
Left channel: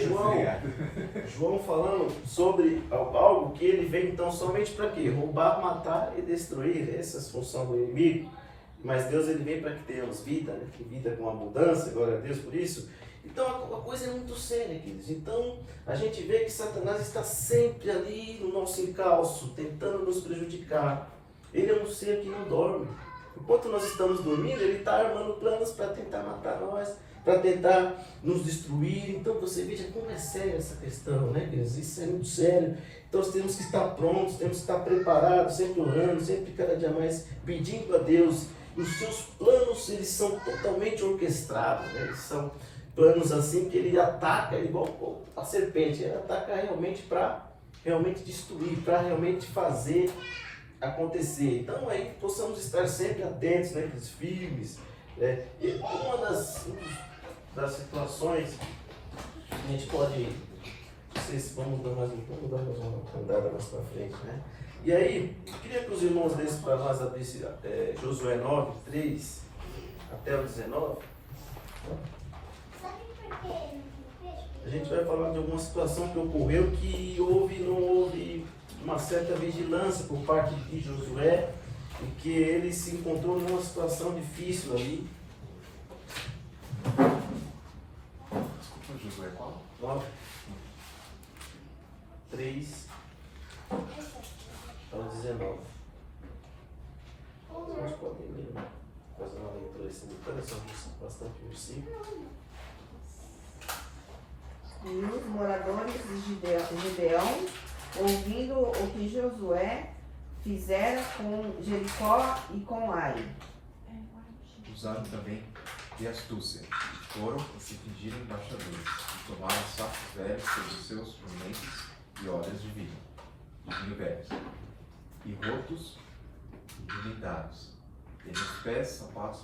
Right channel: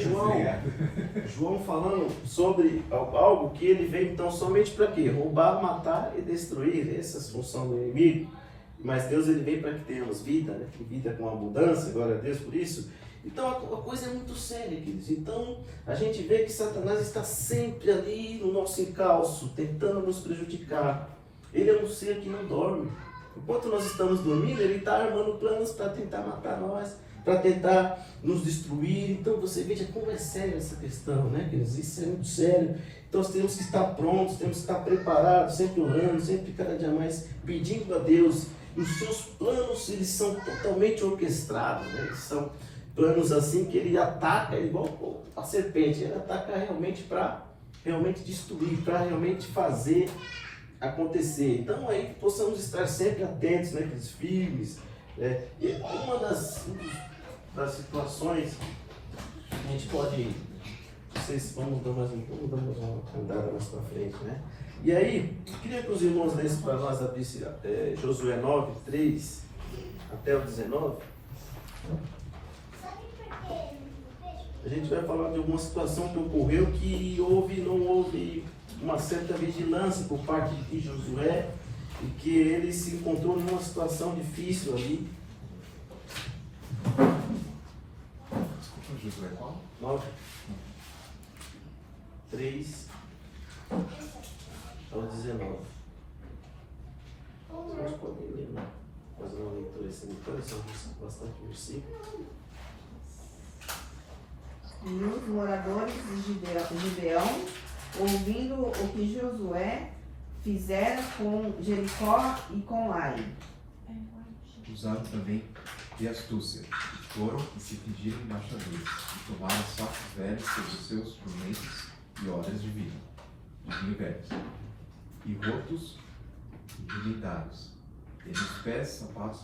João falando sobre algo que ele veio então somente para quê? Roubar, matar e destruir. Essa é a função do inimigo. Mas Deus ele vem para que tenhamos vida, né? Vida com abundância, glória a Deus por isso. Então a coisa é muito séria, queridos. Então a gente vê que Satanás está sempre ali no nosso encalço, tentando nos prejudicar. Ele é um ser que não dorme. Enquanto nós estamos dormindo, ele está armando planos para tentar matar nós, para tentar nos destruir. Então você veja como é séria essa questão, né, queridos? Isso é muito sério. Então nós temos que estar prontos, temos que estar preparados, sempre orando, sempre cada dia mais pedindo a Deus. E os seus planos, eles são totalmente orquestrados, né? Eles são planos assim que ele ataca, igual a serpente, ele ataca realmente para realmente destruir, para realmente fazer acontecer. Então aí possamos estar sempre atentos, né, queridos, firmes. E uma das situações a gente pode, vocês vamos dar mais uma andada mais para frente, né? E aí, eu queria que os irmãos dessem para nós Josué 9, 3 até o 19. A gente vai falar de alguma situação que ocorreu que não houve uma certa vigilância por parte de Josué e que ele se encontrou numa situação difícil ali. Josué qual? 9, 3 ao 19. Vocês podem ler, né? Fazer uma leitura simultânea, são bastante versículos. E os moradores de Gibeão, ouvindo o que Josué fizera com Jericó e com Ai. Usaram também de astúcia. Foram e se pediram embaixadores. E tomaram sacos velhos sobre os seus pimentes e odres de vinho velhos, e rotos e blindados, e nos pés sapatos.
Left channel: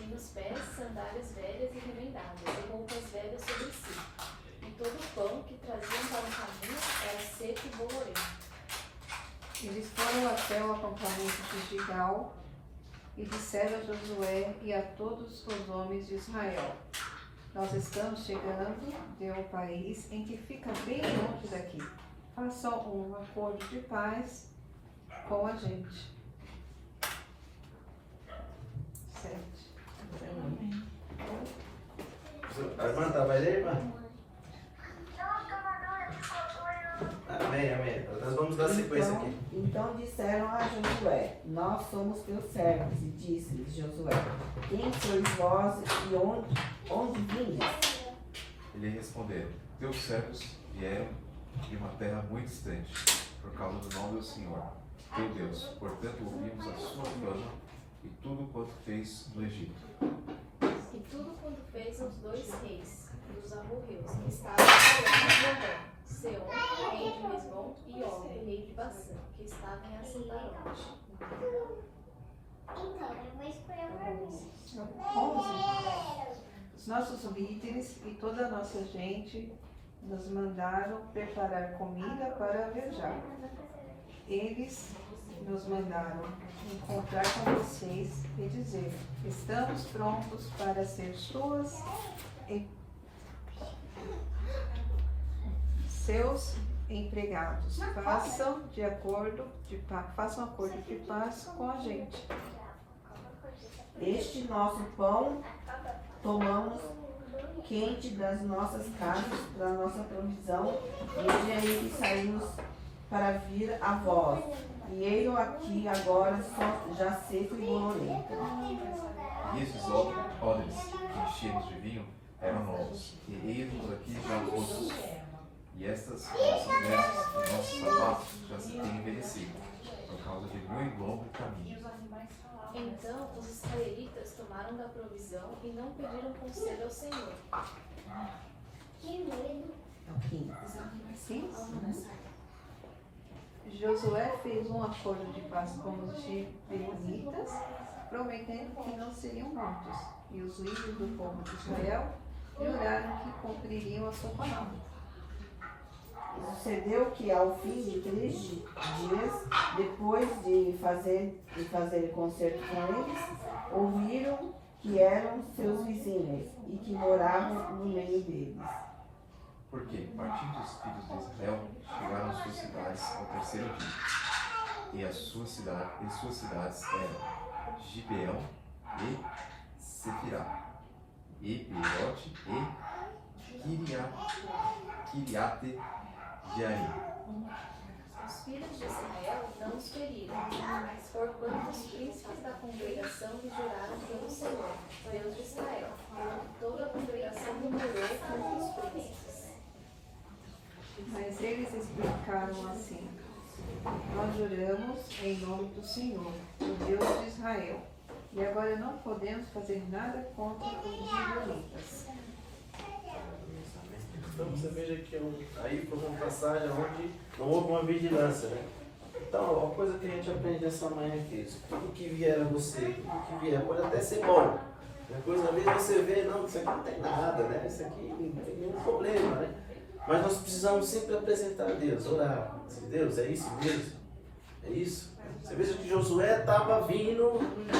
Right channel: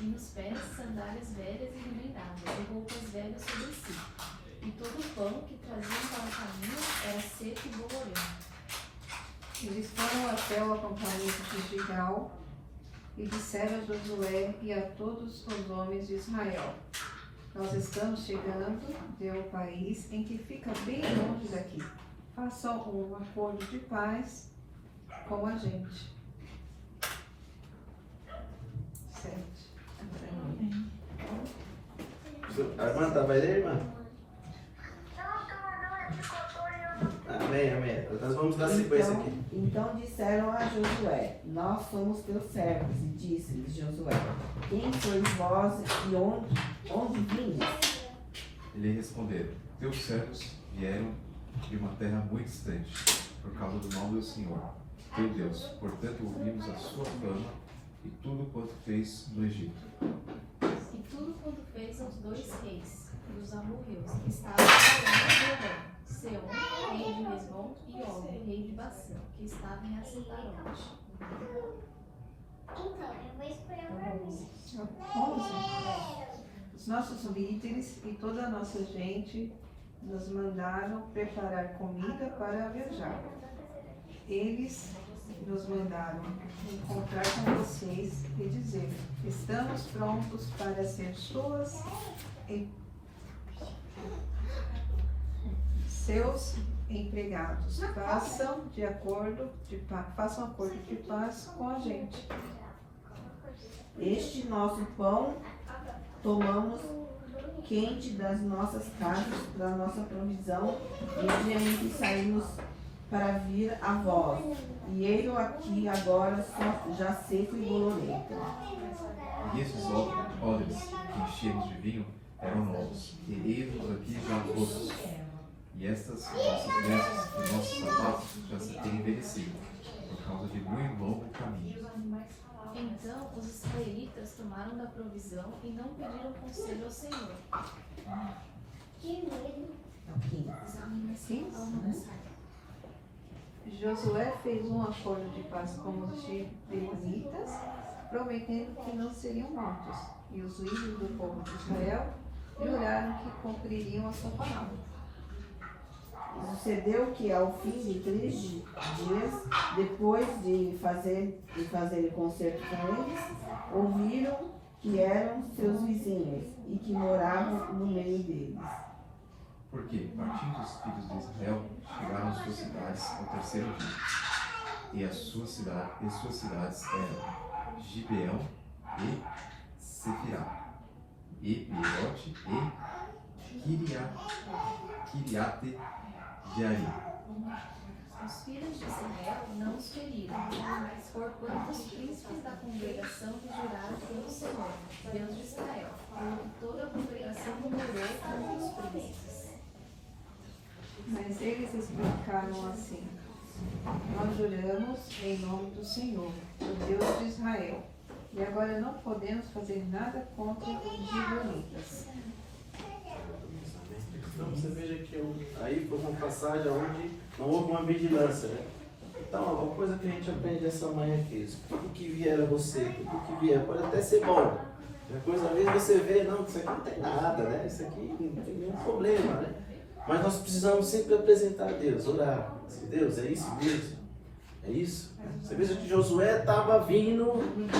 E nos pés sandálias velhas e remendadas, e roupas velhas sobre si. E todo o pão que traziam para o caminho era seco e bolorento. Eles foram até o acampamento de Gilgal e disseram a Josué e a todos os homens de Israel: nós estamos chegando ao país em que fica bem longe daqui. Façam um acordo de paz com a gente. 7. A irmã vai ler, irmã? Amém, amém. Nós vamos dar sequência aqui. Então disseram a Josué: nós somos teus servos. E disse-lhes Josué: quem sois vós e onde vindes? E lhe responderam: teus servos vieram de uma terra muito distante, por causa do nome do Senhor, teu Deus. Portanto, ouvimos a sua fama e tudo quanto fez no Egito. E tudo quanto fez aos dois reis e os amorreus, que estavam em Seom, rei de Hesbom, e Og, rei de Bassã, que estavam em Astarôte. Então, eu vou esperar pra mim. 11. Os nossos líderes e toda a nossa gente nos mandaram preparar comida para viajar. Eles nos mandaram encontrar com vocês e dizer: estamos prontos para ser seus empregados. Façam acordo de paz com a gente. Este nosso pão tomamos quente das nossas casas para nossa provisão, no dia em que saímos para vir a vós. E ele aqui agora já seco e bolorento. E esses odres enchidos de vinho eram novos, e eis-nos aqui já rotos. E essas vestes e nossos sapatos já se têm envelhecido, por causa de muito longo caminho. Então os israelitas tomaram da provisão e não pediram conselho ao Senhor. Josué fez um acordo de paz com os gibeonitas, prometendo que não seriam mortos. E os líderes do povo de Israel juraram que cumpririam a sua palavra. Sucedeu que ao fim de 3 dias, depois de fazer concerto com eles, ouviram que eram seus vizinhos e que moravam no meio deles. Porque, partindo dos filhos de Israel, chegaram às suas cidades ao terceiro dia. E as suas cidades eram Gibeão e Sefirá, e Beerote e Kiriate Jearim. Os filhos de Israel não os feriram, porquanto os príncipes da congregação lhe juraram pelo Senhor, Deus de Israel, quando toda a congregação murmurou contra os príncipes. Mas eles explicaram assim: nós juramos em nome do Senhor, o Deus de Israel, e agora não podemos fazer nada contra os gibeonitas. Então você veja que aí foi uma passagem onde não houve uma vigilância, né? Então, uma coisa que a gente aprende nessa manhã é que isso, tudo que vier a você, tudo que vier, pode até ser bom. Depois ali você vê, não, isso aqui não tem nada, né? Isso aqui não tem nenhum problema, né? Mas nós precisamos sempre apresentar a Deus, orar. Deus, é isso mesmo? É isso? Você veja que Josué estava vindo,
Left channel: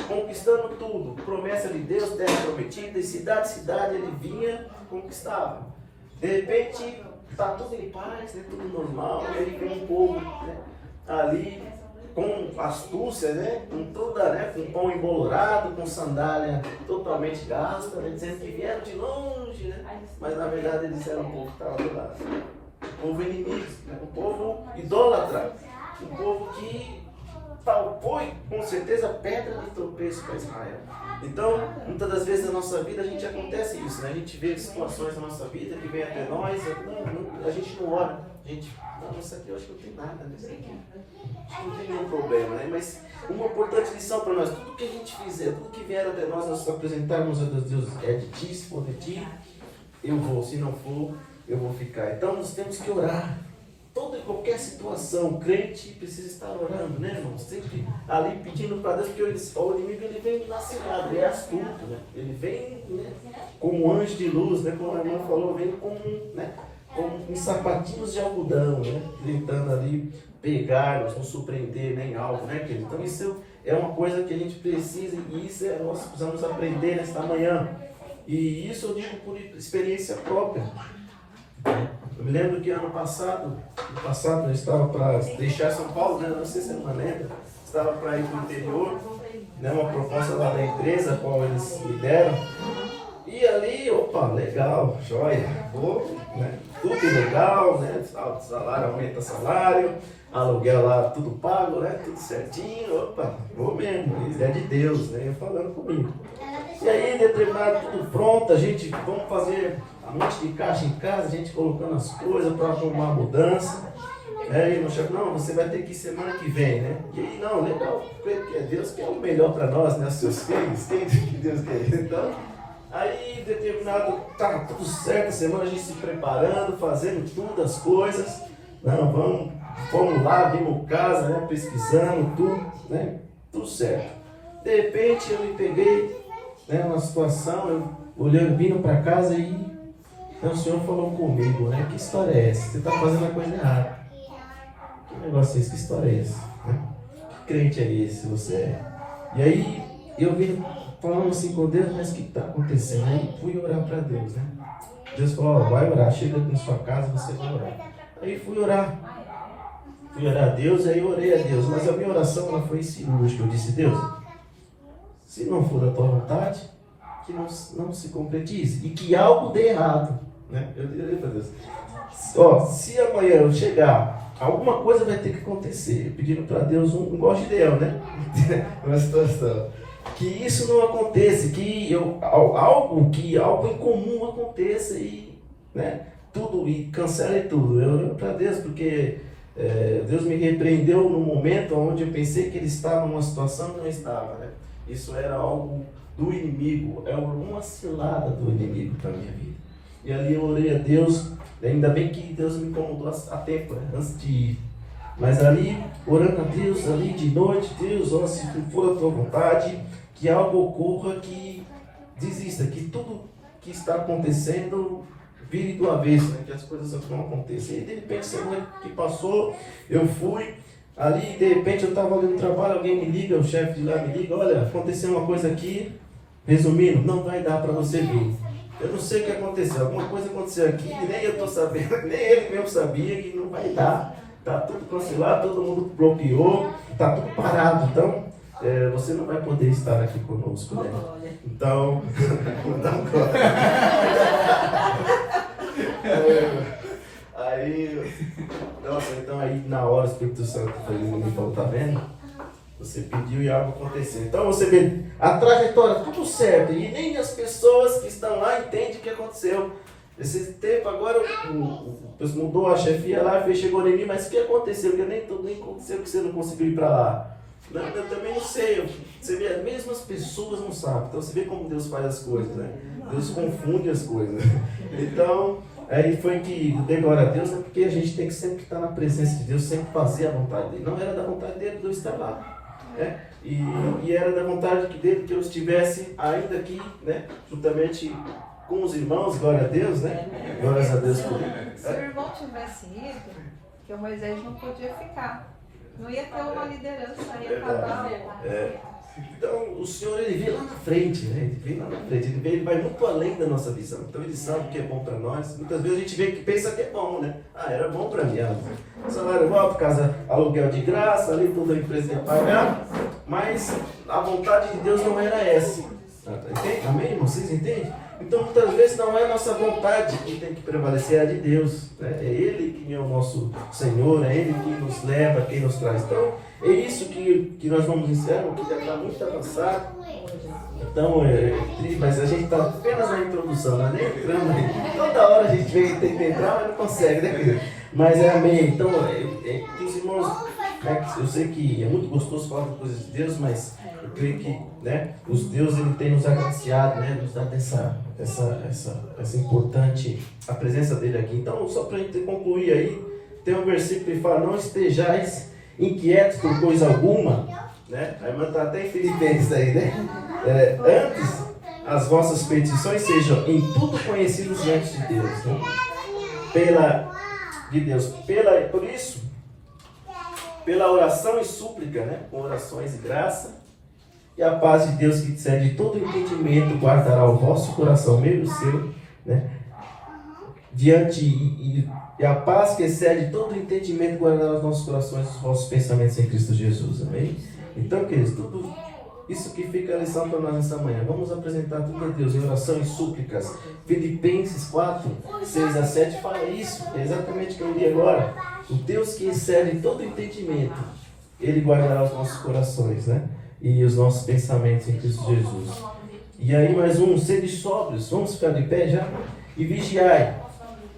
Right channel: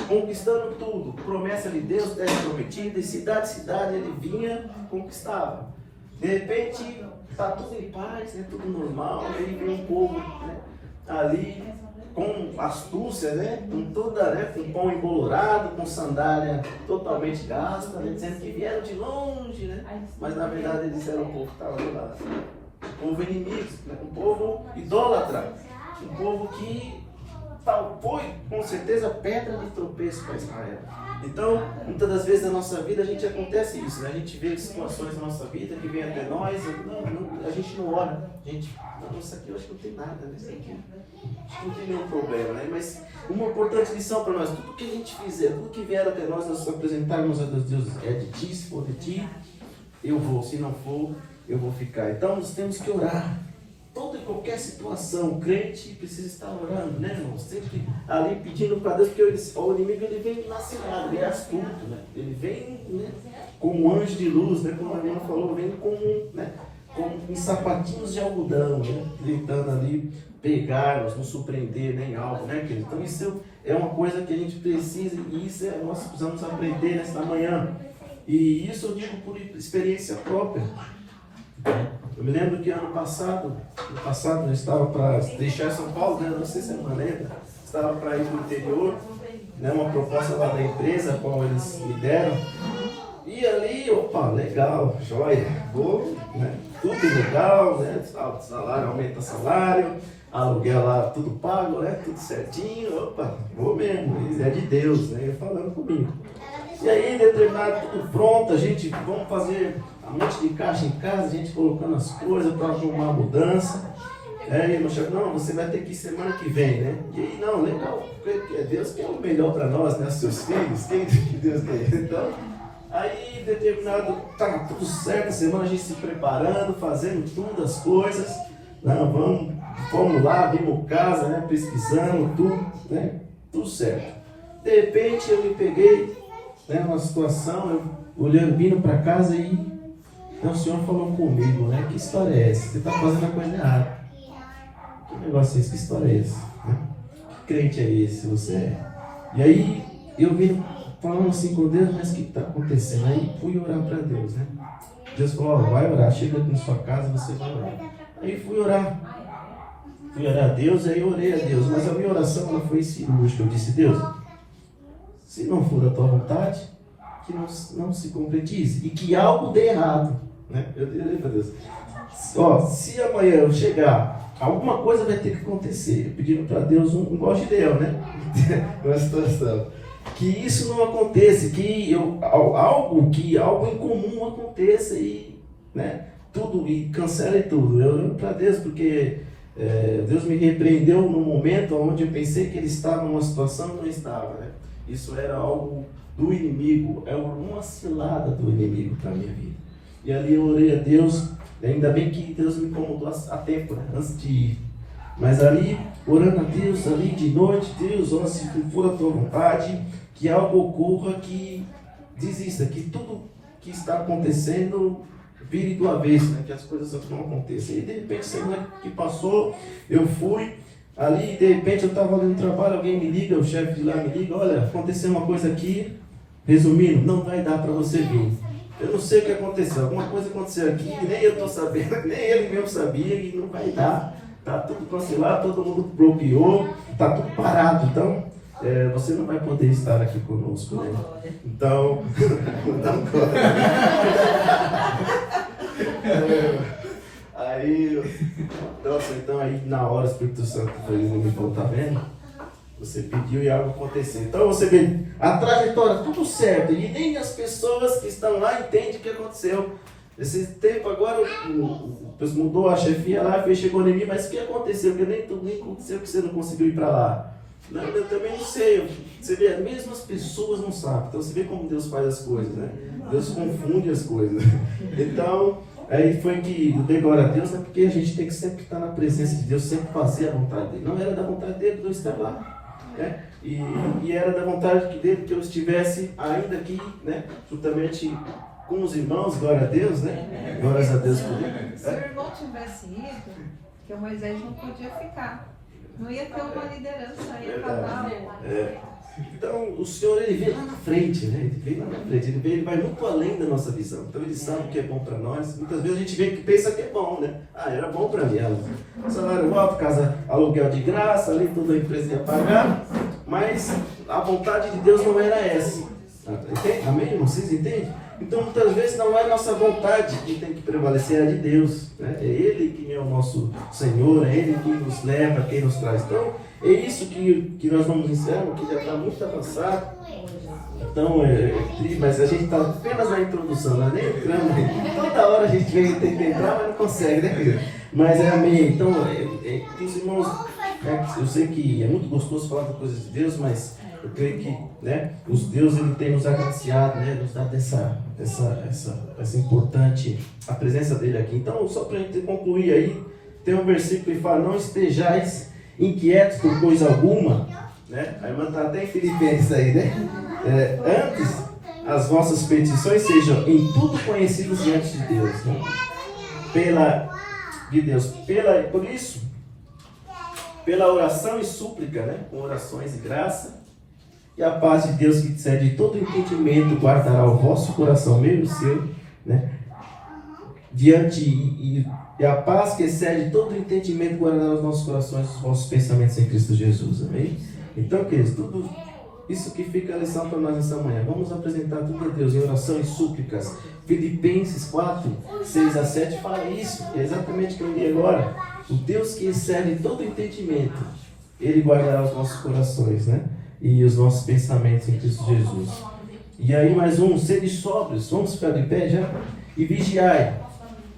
conquistando tudo. Promessa de Deus, terra prometida, e cidade, ele vinha, conquistava. De repente, está tudo em paz, é tudo normal, e aí vem um povo, né, ali com astúcia, né, com toda, né, com pão embolorado, com sandália totalmente gasta, né, dizendo que vieram de longe, né, mas na verdade eles eram um povo que estava do lado. Um povo inimigo, né, um povo idólatra, um povo que foi com certeza pedra de tropeço para Israel. Então, muitas das vezes na nossa vida a gente acontece isso, né? A gente vê situações na nossa vida que vem até nós, a gente não ora, a gente, não, isso aqui eu acho que não tem nada, né? Isso aqui acho que não tem nenhum problema, né? Mas uma importante lição para nós, tudo que a gente fizer, tudo que vier até nós apresentarmos a Deus, é de ti, se for de ti, eu vou, se não for, eu vou ficar. Então nós temos que orar. Toda e qualquer situação, o crente precisa estar orando, né, irmão? Sempre ali pedindo para Deus, porque o inimigo ele vem nascimado, ele é astuto, né? Ele vem, né, como um anjo de luz, né? Como a irmã falou, vem com, né, com sapatinhos de algodão, né? Tentando ali pegar-nos, nos surpreender, né, em algo, né, querido? Então isso é uma coisa que a gente precisa, e isso nós precisamos aprender nesta manhã. E isso eu digo por experiência própria. Eu me lembro que ano passado eu estava para deixar São Paulo, né? Não sei se é uma lenda, estava para ir para o interior, né? Uma proposta lá da empresa, a qual eles me deram. E ali, opa, legal, joia, vou, né? Tudo legal, né? Salário, aumenta o salário, aluguel lá, tudo pago, né? Tudo certinho, opa, vou mesmo, isso é de Deus, né? Ele falando comigo. E aí, determinado, tudo pronto, a gente, vamos fazer um monte de caixa em casa, a gente colocando as coisas para arrumar a mudança. Aí, meu chefe, não, você vai ter que ir semana que vem, né? E aí, não, legal, porque é Deus que é o melhor para nós, né? Seus filhos, quem que Deus quer? Então, aí, determinado, tá tudo certo, a semana a gente se preparando, fazendo tudo as coisas. Não, vamos lá, vimos casa, né? Pesquisando, tudo, né? Tudo certo. De repente, eu me peguei, né, uma situação, eu olhando, vindo para casa e O Senhor falou comigo, né? Que história é essa? Você está fazendo a coisa errada. Que negócio é esse? Que história é essa? Né? Que crente é esse você é? E aí eu vim falando assim com Deus, mas o que está acontecendo? Aí fui orar para Deus, né? Deus falou, vai orar, chega na sua casa e você vai orar. Aí fui orar. Fui orar a Deus, aí orei a Deus. Mas a minha oração ela foi cirúrgica. Eu disse, Deus, se não for a tua vontade, que não se concretize. E que algo dê errado. Né? Eu orei para Deus. Se amanhã eu chegar, alguma coisa vai ter que acontecer. Pedindo para Deus um igual Gideão, né? Uma situação. Que isso não aconteça, que algo em comum aconteça e, né, tudo, e cancele tudo. Eu oro para Deus porque Deus me repreendeu no momento onde eu pensei que Ele estava numa situação que não estava. Né? Isso era algo do inimigo, é uma cilada do inimigo para a minha vida. E ali eu orei a Deus, ainda bem que Deus me incomodou a tempo, né, antes de ir. Mas ali, orando a Deus, ali de noite, Deus, se for a tua vontade, que algo ocorra, que desista, que tudo que está acontecendo vire do avesso, né? Que as coisas não aconteçam. E de repente, semana que passou, eu fui, ali de repente eu estava ali no trabalho, alguém me liga, o chefe de lá me liga, olha, aconteceu uma coisa aqui, resumindo, não vai dar para você vir. Eu não sei o que aconteceu, alguma coisa aconteceu aqui, nem eu estou sabendo, nem ele mesmo sabia, e não vai dar. Está tudo cancelado, todo mundo bloqueou, está tudo parado, então você não vai poder estar aqui conosco, né? Então, aí na hora o Espírito Santo me falou, tá vendo? Você pediu e algo aconteceu. Então você vê a trajetória, tudo certo, e nem as pessoas que estão lá entendem o que aconteceu. Esse tempo agora mudou a chefia lá, chegou em mim, mas o que aconteceu? Que nem aconteceu que você não conseguiu ir para lá. Não, eu também não sei. Você vê, as mesmas pessoas não sabem. Então você vê como Deus faz as coisas, né? Deus confunde as coisas. Então, aí foi que eu dei glória a Deus, né? Porque a gente tem que sempre estar na presença de Deus, sempre fazer a vontade dele. Não era da vontade dele, Deus está lá. Né? E era da vontade dele que eu estivesse ainda aqui, né? Juntamente com os irmãos, glória a Deus, né? Glórias a Deus por isso. Se o irmão tivesse ido, que o Moisés não podia ficar. Não ia ter uma liderança, ia acabar. Então, o Senhor, ele vem lá na frente, né? Ele vem lá na frente, ele vai muito além da nossa visão. Então, ele sabe o que é bom para nós. Muitas vezes a gente vê que pensa que é bom, né? Era bom para mim. Salário alto, casa, aluguel de graça, ali toda a empresa ia pagar. Mas a vontade de Deus não era essa. Amém, irmão? Vocês entendem? Então, muitas vezes não é nossa vontade que tem que prevalecer, é a de Deus. Né? É Ele que é o nosso Senhor, é Ele quem nos leva, quem nos traz. Então, é isso que nós vamos ensinar, que já está muito avançado. Então, mas a gente está apenas na introdução, não é nem entrando aí. Toda hora a gente vem tentar entrar, mas não consegue, né, querido? Mas amém. Então, os irmãos, eu sei que é muito gostoso falar das coisas de Deus, mas eu creio que, né, os Deus ele tem nos agraciado, né, nos dado essa importante, a presença dele aqui. Então, só para a gente concluir aí, tem um versículo que fala, não estejais inquietos por coisa alguma, né? Aí manda até em Filipenses aí, né? Antes, as vossas petições sejam em tudo conhecidos diante de Deus, né? Por isso, pela oração e súplica, né? Com orações e graça, e a paz de Deus que excede todo entendimento guardará o vosso coração, mesmo seu, né? E a paz que excede todo entendimento guardará os nossos corações, os vossos pensamentos em Cristo Jesus, amém? Então, queridos, tudo isso que fica a lição para nós nessa manhã. Vamos apresentar tudo a Deus em oração e súplicas. Filipenses 4, 6 a 7 fala isso, é exatamente o que eu li agora. O Deus que excede todo entendimento, Ele guardará os nossos corações, né? E os nossos pensamentos em Cristo Jesus. E aí mais um, sede sóbrios, vamos ficar de pé já? E vigiai,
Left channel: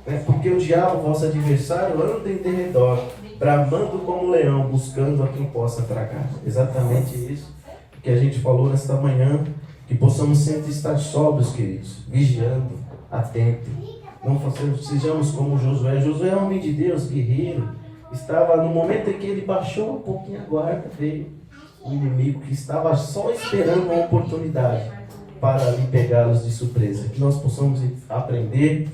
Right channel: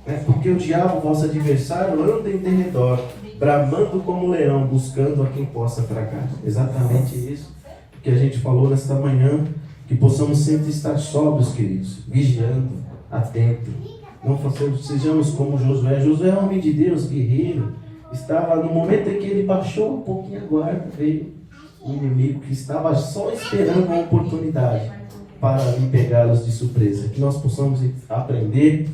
né? Porque o diabo, vosso adversário, anda em derredor, bramando como um leão, buscando a quem possa tragar. Exatamente isso que a gente falou nesta manhã, que possamos sempre estar sóbrios, queridos, vigiando, atentos. Não sejamos como Josué. Josué é um homem de Deus, guerreiro. Estava no momento em que ele baixou um pouquinho a guarda, veio o inimigo que estava só esperando uma oportunidade para lhe pegá-los de surpresa. Que nós possamos aprender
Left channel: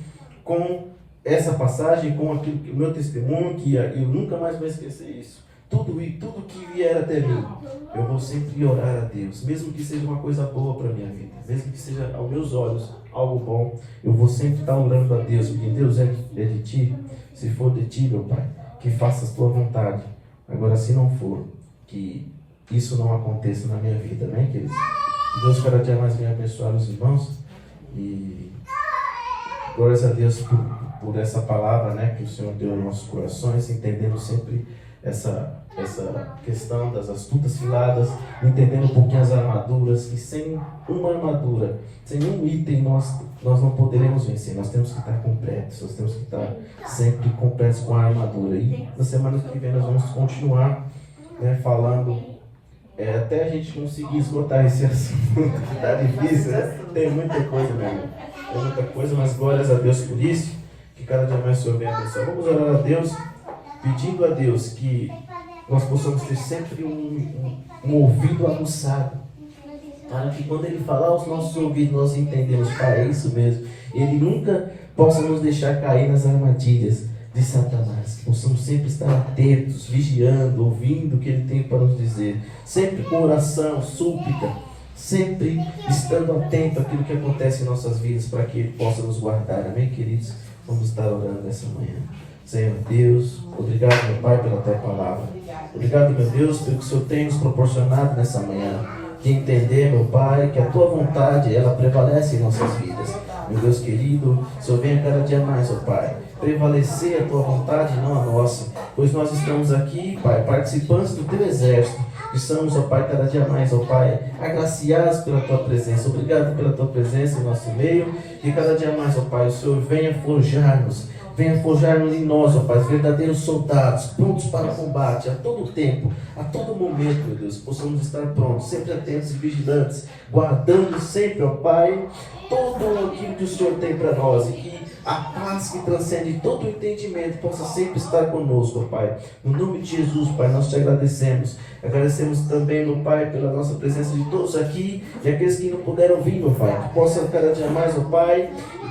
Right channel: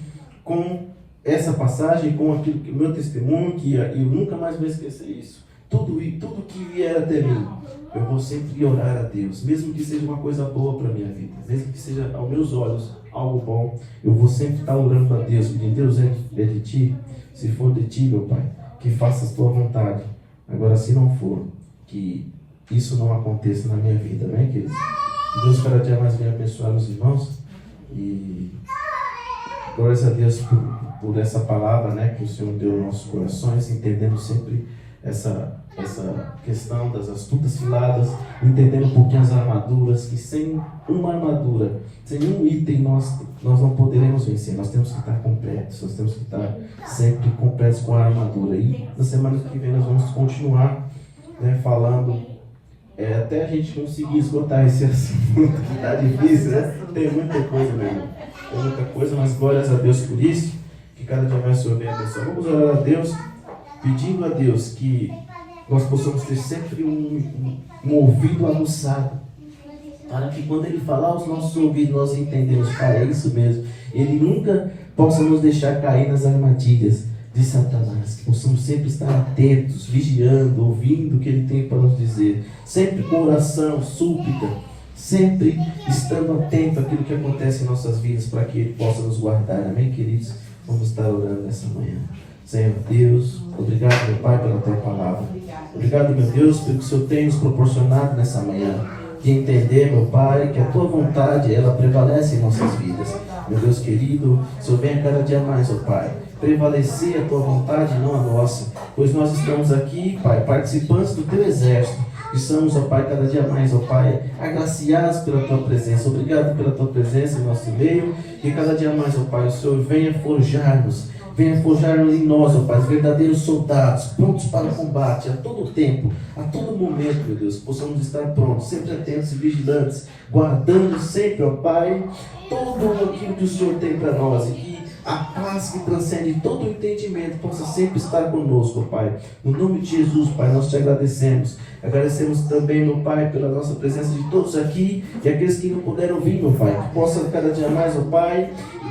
com essa passagem, com aquilo que o meu testemunho, que eu nunca mais vou esquecer isso. Tudo que vier até mim, eu vou sempre orar a Deus, mesmo que seja uma coisa boa para a minha vida, mesmo que seja aos meus olhos algo bom, eu vou sempre estar orando a Deus, pedindo: Deus, é de Ti? Se for de Ti, meu Pai, que faças Tua vontade. Agora, se não for, que isso não aconteça na minha vida, né, queridos? Que Deus cada dia mais venha abençoar os irmãos, e glórias a Deus por essa palavra, né, que o Senhor deu aos nossos corações, entendendo sempre essa questão das astutas ciladas, entendendo um pouquinho as armaduras, que sem uma armadura, sem um item, nós não poderemos vencer. Nós temos que estar completos, nós temos que estar sempre completos com a armadura. E na semana que vem nós vamos continuar, né, falando, até a gente conseguir esgotar esse assunto, que está difícil, né? Tem muita coisa mesmo, tem muita coisa, mas glórias a Deus por isso, que cada dia mais o Senhor venha abençoar. Vamos orar a Deus, pedindo a Deus que nós possamos ter sempre um ouvido aguçado, para que quando Ele falar aos nossos ouvidos, nós entendemos: Pai, é isso mesmo. Ele nunca possa nos deixar cair nas armadilhas de Satanás, que possamos sempre estar atentos, vigiando, ouvindo o que Ele tem para nos dizer, sempre com oração, súplica, sempre estando atento àquilo que acontece em nossas vidas, para que Ele possa nos guardar. Amém, queridos? Vamos estar orando nessa manhã. Senhor Deus, obrigado, meu Pai, pela Tua palavra. Obrigado, meu Deus, pelo que o Senhor tem nos proporcionado nessa manhã. De entender, meu Pai, que a Tua vontade, ela prevalece em nossas vidas. Meu Deus querido, o Senhor venha cada dia mais, ó Pai, prevalecer a Tua vontade, não a nossa. Pois nós estamos aqui, Pai, participantes do Teu exército. Estamos, ó Pai, cada dia mais, ó Pai, agraciados pela Tua presença. Obrigado pela Tua presença em nosso meio. E cada dia mais, ó Pai, o Senhor venha forjar-nos. Venha forjar-nos em nós, ó Pai, verdadeiros soldados, prontos para o combate, a todo tempo, a todo momento, meu Deus, possamos estar prontos, sempre atentos e vigilantes, guardando sempre, ó Pai, todo aquilo que o Senhor tem para nós, e que a paz que transcende todo o entendimento possa sempre estar conosco, ó Pai. No nome de Jesus, Pai, nós te agradecemos. Agradecemos também, meu Pai, pela nossa presença de todos aqui, e aqueles que não puderam vir, meu Pai, que possam cada dia mais, ó Pai,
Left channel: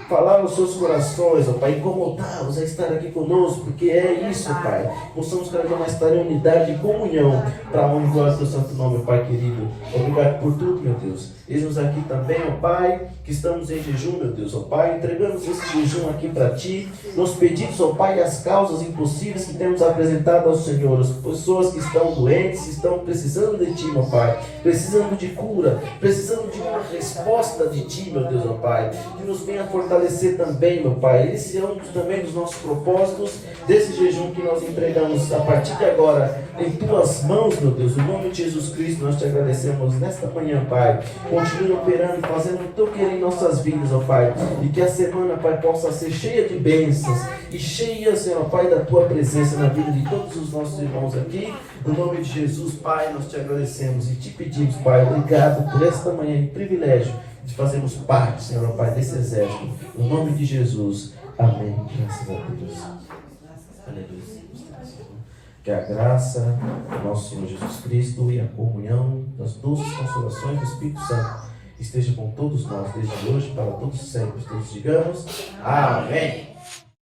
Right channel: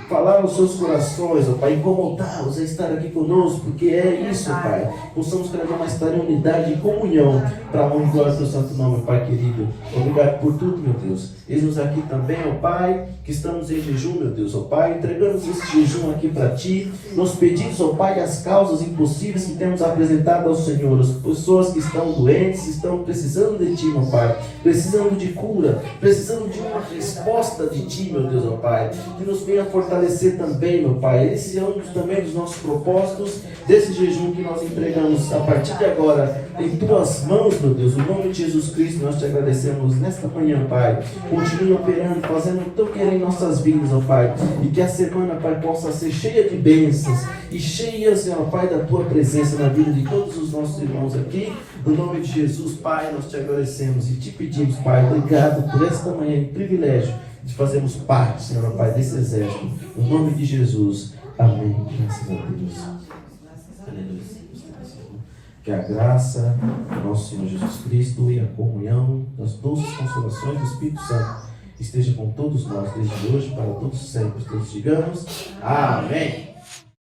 falar aos seus corações, ó Pai, incomodá-los a estar aqui conosco, porque é isso, Pai. Possamos cada dia mais estar em unidade e comunhão, para a honra e glória do Santo Nome, Pai querido. Obrigado por tudo, meu Deus. Eis-nos aqui também, ó Pai, que estamos em jejum, meu Deus, ó Pai, entregamos esse jejum aqui para Ti, nos pedimos, ó Pai, as causas impossíveis que temos apresentado ao Senhor, as pessoas que estão doentes, que estão precisando de Ti, meu Pai, precisando de cura, precisando de uma resposta de Ti, meu Deus, ó Pai, que nos venha fortalecer também, meu Pai. Esse é um também dos nossos propósitos, desse jejum que nós entregamos a partir de agora em Tuas mãos, meu Deus. No nome de Jesus Cristo, nós Te agradecemos nesta manhã, Pai. Continue operando, fazendo o Teu querer em nossas vidas, ó Pai, e que a semana, Pai, possa ser cheia de bênçãos e cheia, Senhor, Pai, da Tua presença na vida de todos os nossos irmãos aqui. No nome de Jesus, Pai, nós Te agradecemos e Te pedimos, Pai, obrigado por esta manhã e privilégio de fazermos parte, Senhor, Pai, desse exército. No nome de Jesus. Amém. Graças a Deus. Aleluia. Que a graça do nosso Senhor Jesus Cristo e a comunhão das doces consolações do Espírito Santo esteja com todos nós, desde hoje para todos sempre. Todos digamos amém.